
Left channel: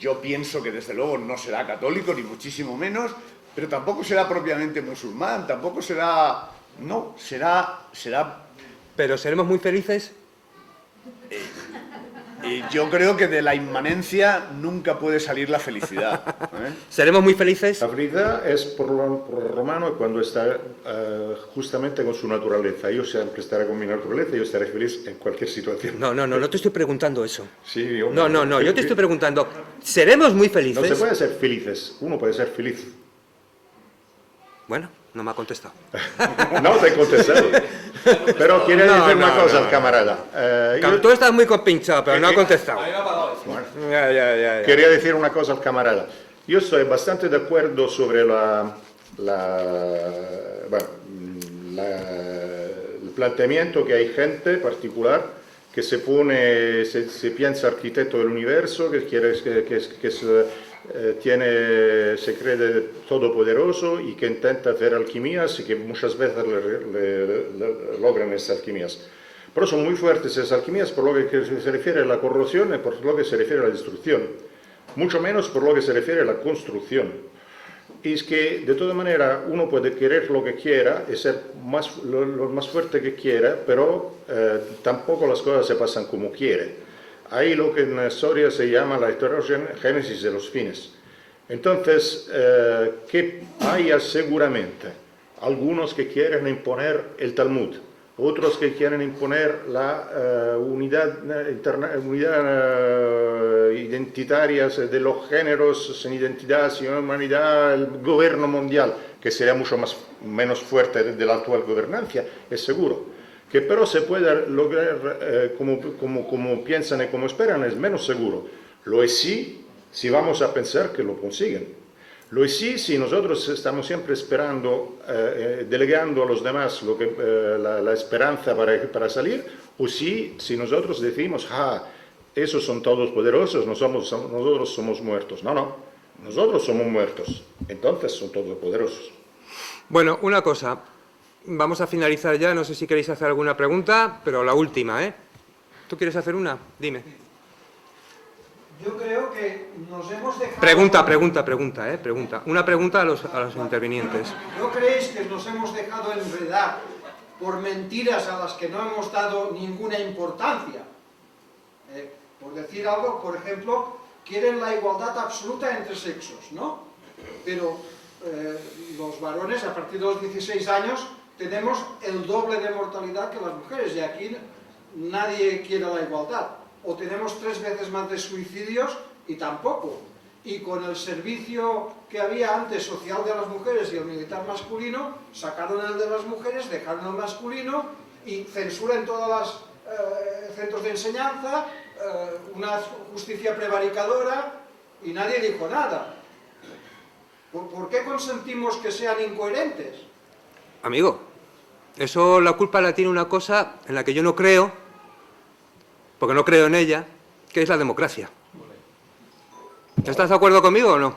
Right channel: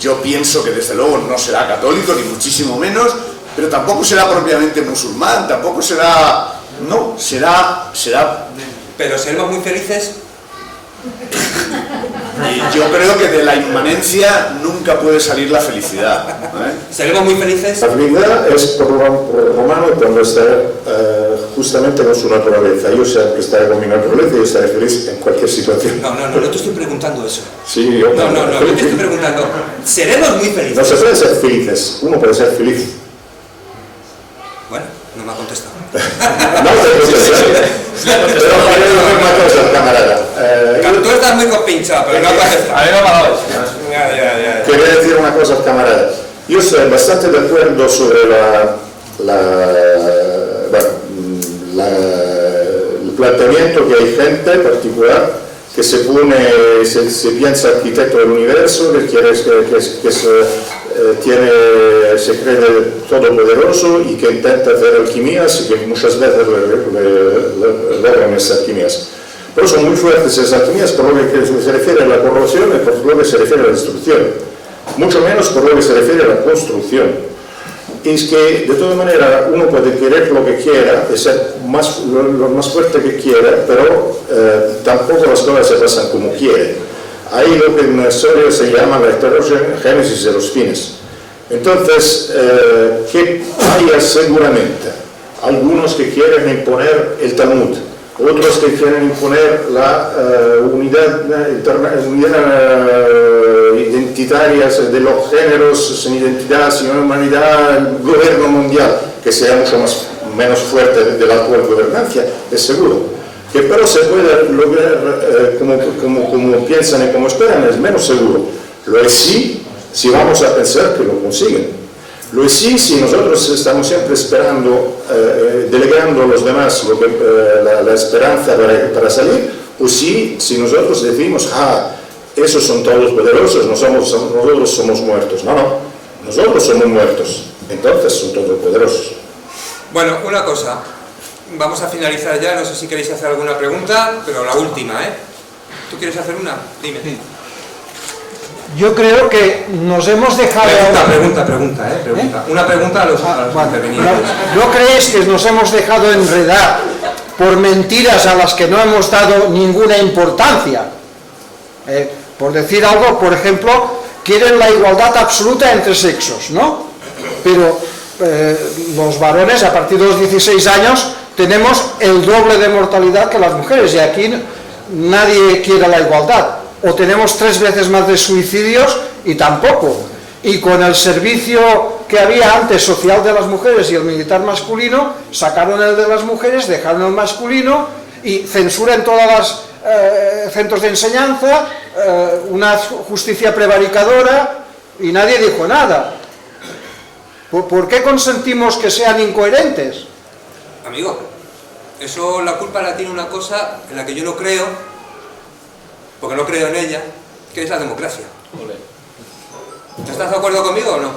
yo pienso que desde luego no será católico, ni muchísimo menos, pero tampoco será propiamente musulmán, tampoco será... No, será... Pero seremos muy felices. Yo creo que de la inmanencia nunca puede salir la felicidad. ¿Seremos muy felices? La felicidad es por Romano cuando está justamente con su naturaleza. Yo siempre estaré con mi naturaleza y yo estaré feliz en cualquier situación. No te estoy preguntando eso. Sí, yo No, yo te estoy preguntando, ¿seremos muy felices? No se puede ser felices, uno puede ser feliz. Bueno, no me ha contestado. No te contestar. Pero quiero decir una cosa, camarada. Tú estás muy compinchado, pero no ha contestado. A mí me ha parado eso. Ya. Quería decir una cosa al camarada. Yo estoy bastante de acuerdo sobre el planteamiento que hay gente particular que se piensa arquitecto del universo, que se cree todopoderoso y que intenta hacer alquimías y que muchas veces logran esas alquimías. Pero son muy fuertes esas alquimías por lo que se refiere a la corrosión y por lo que se refiere a la destrucción. Mucho menos por lo que se refiere a la construcción. Es que, de todas maneras, uno puede querer lo que quiera, y ser lo más fuerte que quiera, pero tampoco las cosas se pasan como quiere. Hay lo que en la historia se llama la heterogénesis de los fines. Entonces, que haya seguramente algunos que quieren imponer el Talmud, otros que quieren imponer la unidad identitaria de los géneros sin identidad, sin humanidad, el gobierno mundial, que sea menos fuerte de la actual gobernancia, es seguro. Que pero se puede lograr como piensan y como esperan, es menos seguro. Lo es sí, si vamos a pensar que lo consiguen. Lo es sí, si nosotros estamos siempre esperando, delegando a los demás la esperanza para salir, o sí, si nosotros decimos, esos son todos poderosos, nosotros somos muertos. No, nosotros somos muertos, entonces son todos poderosos. Bueno, una cosa, vamos a finalizar ya, no sé si queréis hacer alguna pregunta, pero la última, ¿eh? ¿Tú quieres hacer una? Dime. Yo creo que nos hemos dejado... Pregunta. Una pregunta a los intervinientes. ¿No creéis que nos hemos dejado enredar por mentiras a las que no hemos dado ninguna importancia? Por decir algo, por ejemplo, quieren la igualdad absoluta entre sexos, ¿no? Pero los varones, a partir de los 16 años, tenemos el doble de mortalidad que las mujeres, y aquí nadie quiere la igualdad. O tenemos 3 veces más de suicidios y tampoco. Y con el servicio que había antes social de las mujeres y el militar masculino, sacaron el de las mujeres, dejaron el masculino y censura en todos los centros de enseñanza, una justicia prevaricadora y nadie dijo nada. ¿Por qué consentimos que sean incoherentes? Amigo, eso la culpa la tiene una cosa en la que yo no creo, porque no creo en ella, que es la democracia. ¿Estás de acuerdo conmigo o no?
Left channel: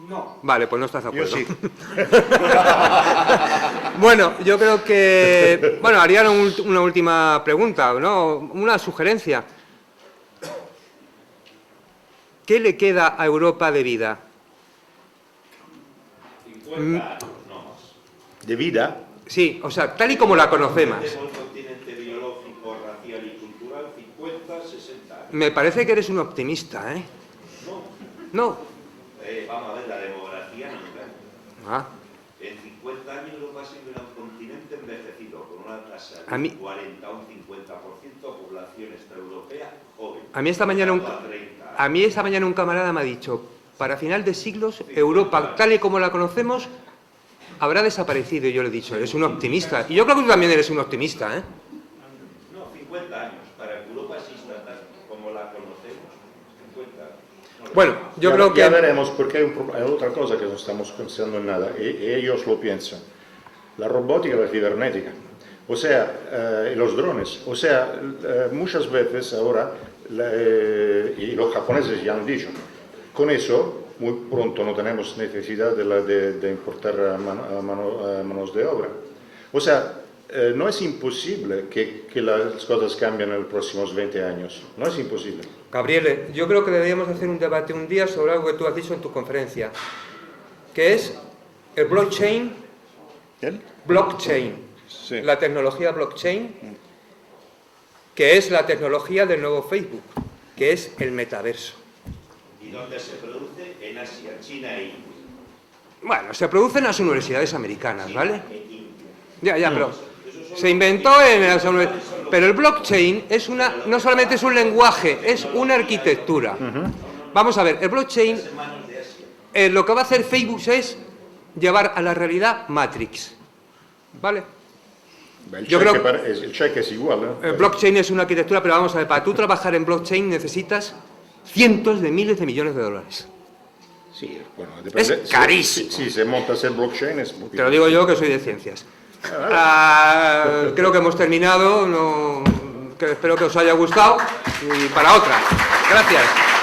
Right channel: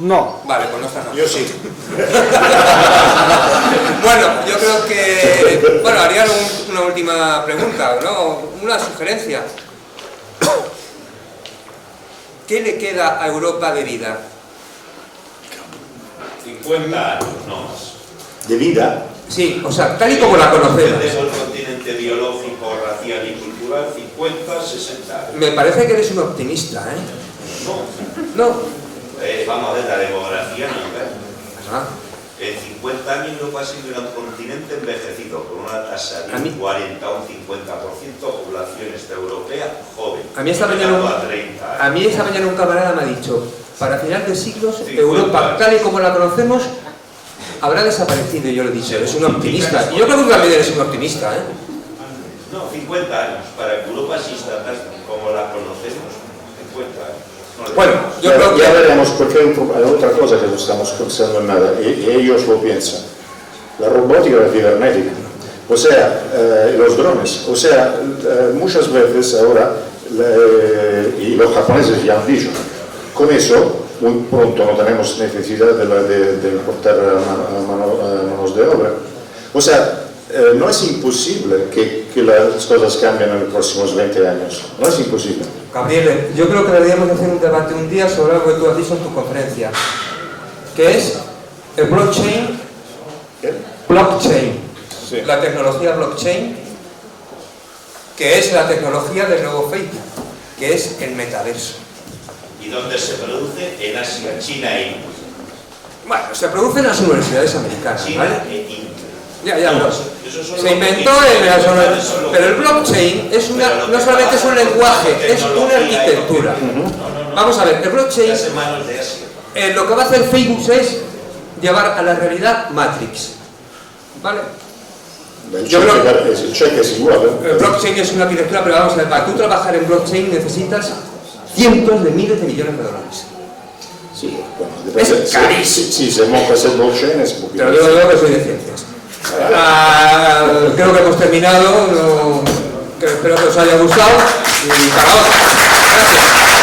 No. Vale, pues no estás de acuerdo. Yo sí. Bueno, yo creo que... Bueno, haría una última pregunta, ¿no? Una sugerencia. ¿Qué le queda a Europa de vida? 50 años, no más. ¿De vida? Sí, o sea, tal y como la conocemos. Tenemos el continente biológico, racial y cultural, 50, 60 años. Me parece que eres un optimista, ¿eh? No. Vamos a ver, la demografía no es. Ajá. En 50 años Europa ha sido un continente envejecido, con una tasa de un 40 o un 50% población europea joven. A mí esta mañana un camarada me ha dicho, para final de siglos, Europa, tal y como la conocemos, habrá desaparecido. Y yo le he dicho, eres un optimista. Y yo creo que tú también eres un optimista, ¿eh? No, 50 años. Para que Europa exista tal como la conocemos, 50 años. Bueno, yo creo que... Ya veremos, porque hay otra cosa que no estamos pensando en nada, y ellos lo piensan. La robótica y la cibernética. O sea, los drones. O sea, muchas veces ahora, y los japoneses ya han dicho, con eso, muy pronto no tenemos necesidad de importar manos de obra. O sea, no es imposible que las cosas cambien en los próximos 20 años. No es imposible. Gabriele, yo creo que deberíamos hacer un debate un día sobre algo que tú has dicho en tu conferencia, que es El blockchain, Sí. la tecnología blockchain, que es la tecnología del nuevo Facebook, que es el metaverso. ¿Y dónde se produce? En Asia, China e India. Bueno, se produce en las universidades americanas, China ¿vale? e India. Ya, pero Eso son se los inventó que- en las eso universidades. son los Pero el que- blockchain es una, Pero lo no que solamente es pasa un es lenguaje, que es una tecnología arquitectura. y- Vamos a ver, el blockchain, Las manos de Asia. lo que va a hacer Facebook es llevar a la realidad Matrix, ¿vale? El Yo creo cheque es igual, ¿eh? El blockchain es una arquitectura, pero vamos a ver, para tú trabajar en blockchain necesitas cientos de miles de millones de dólares. Sí, bueno, Es depende. carísimo. Si se monta ese blockchain es Te lo digo yo que soy de ciencias. Creo que hemos terminado, que espero que os haya gustado y para otra. Gracias.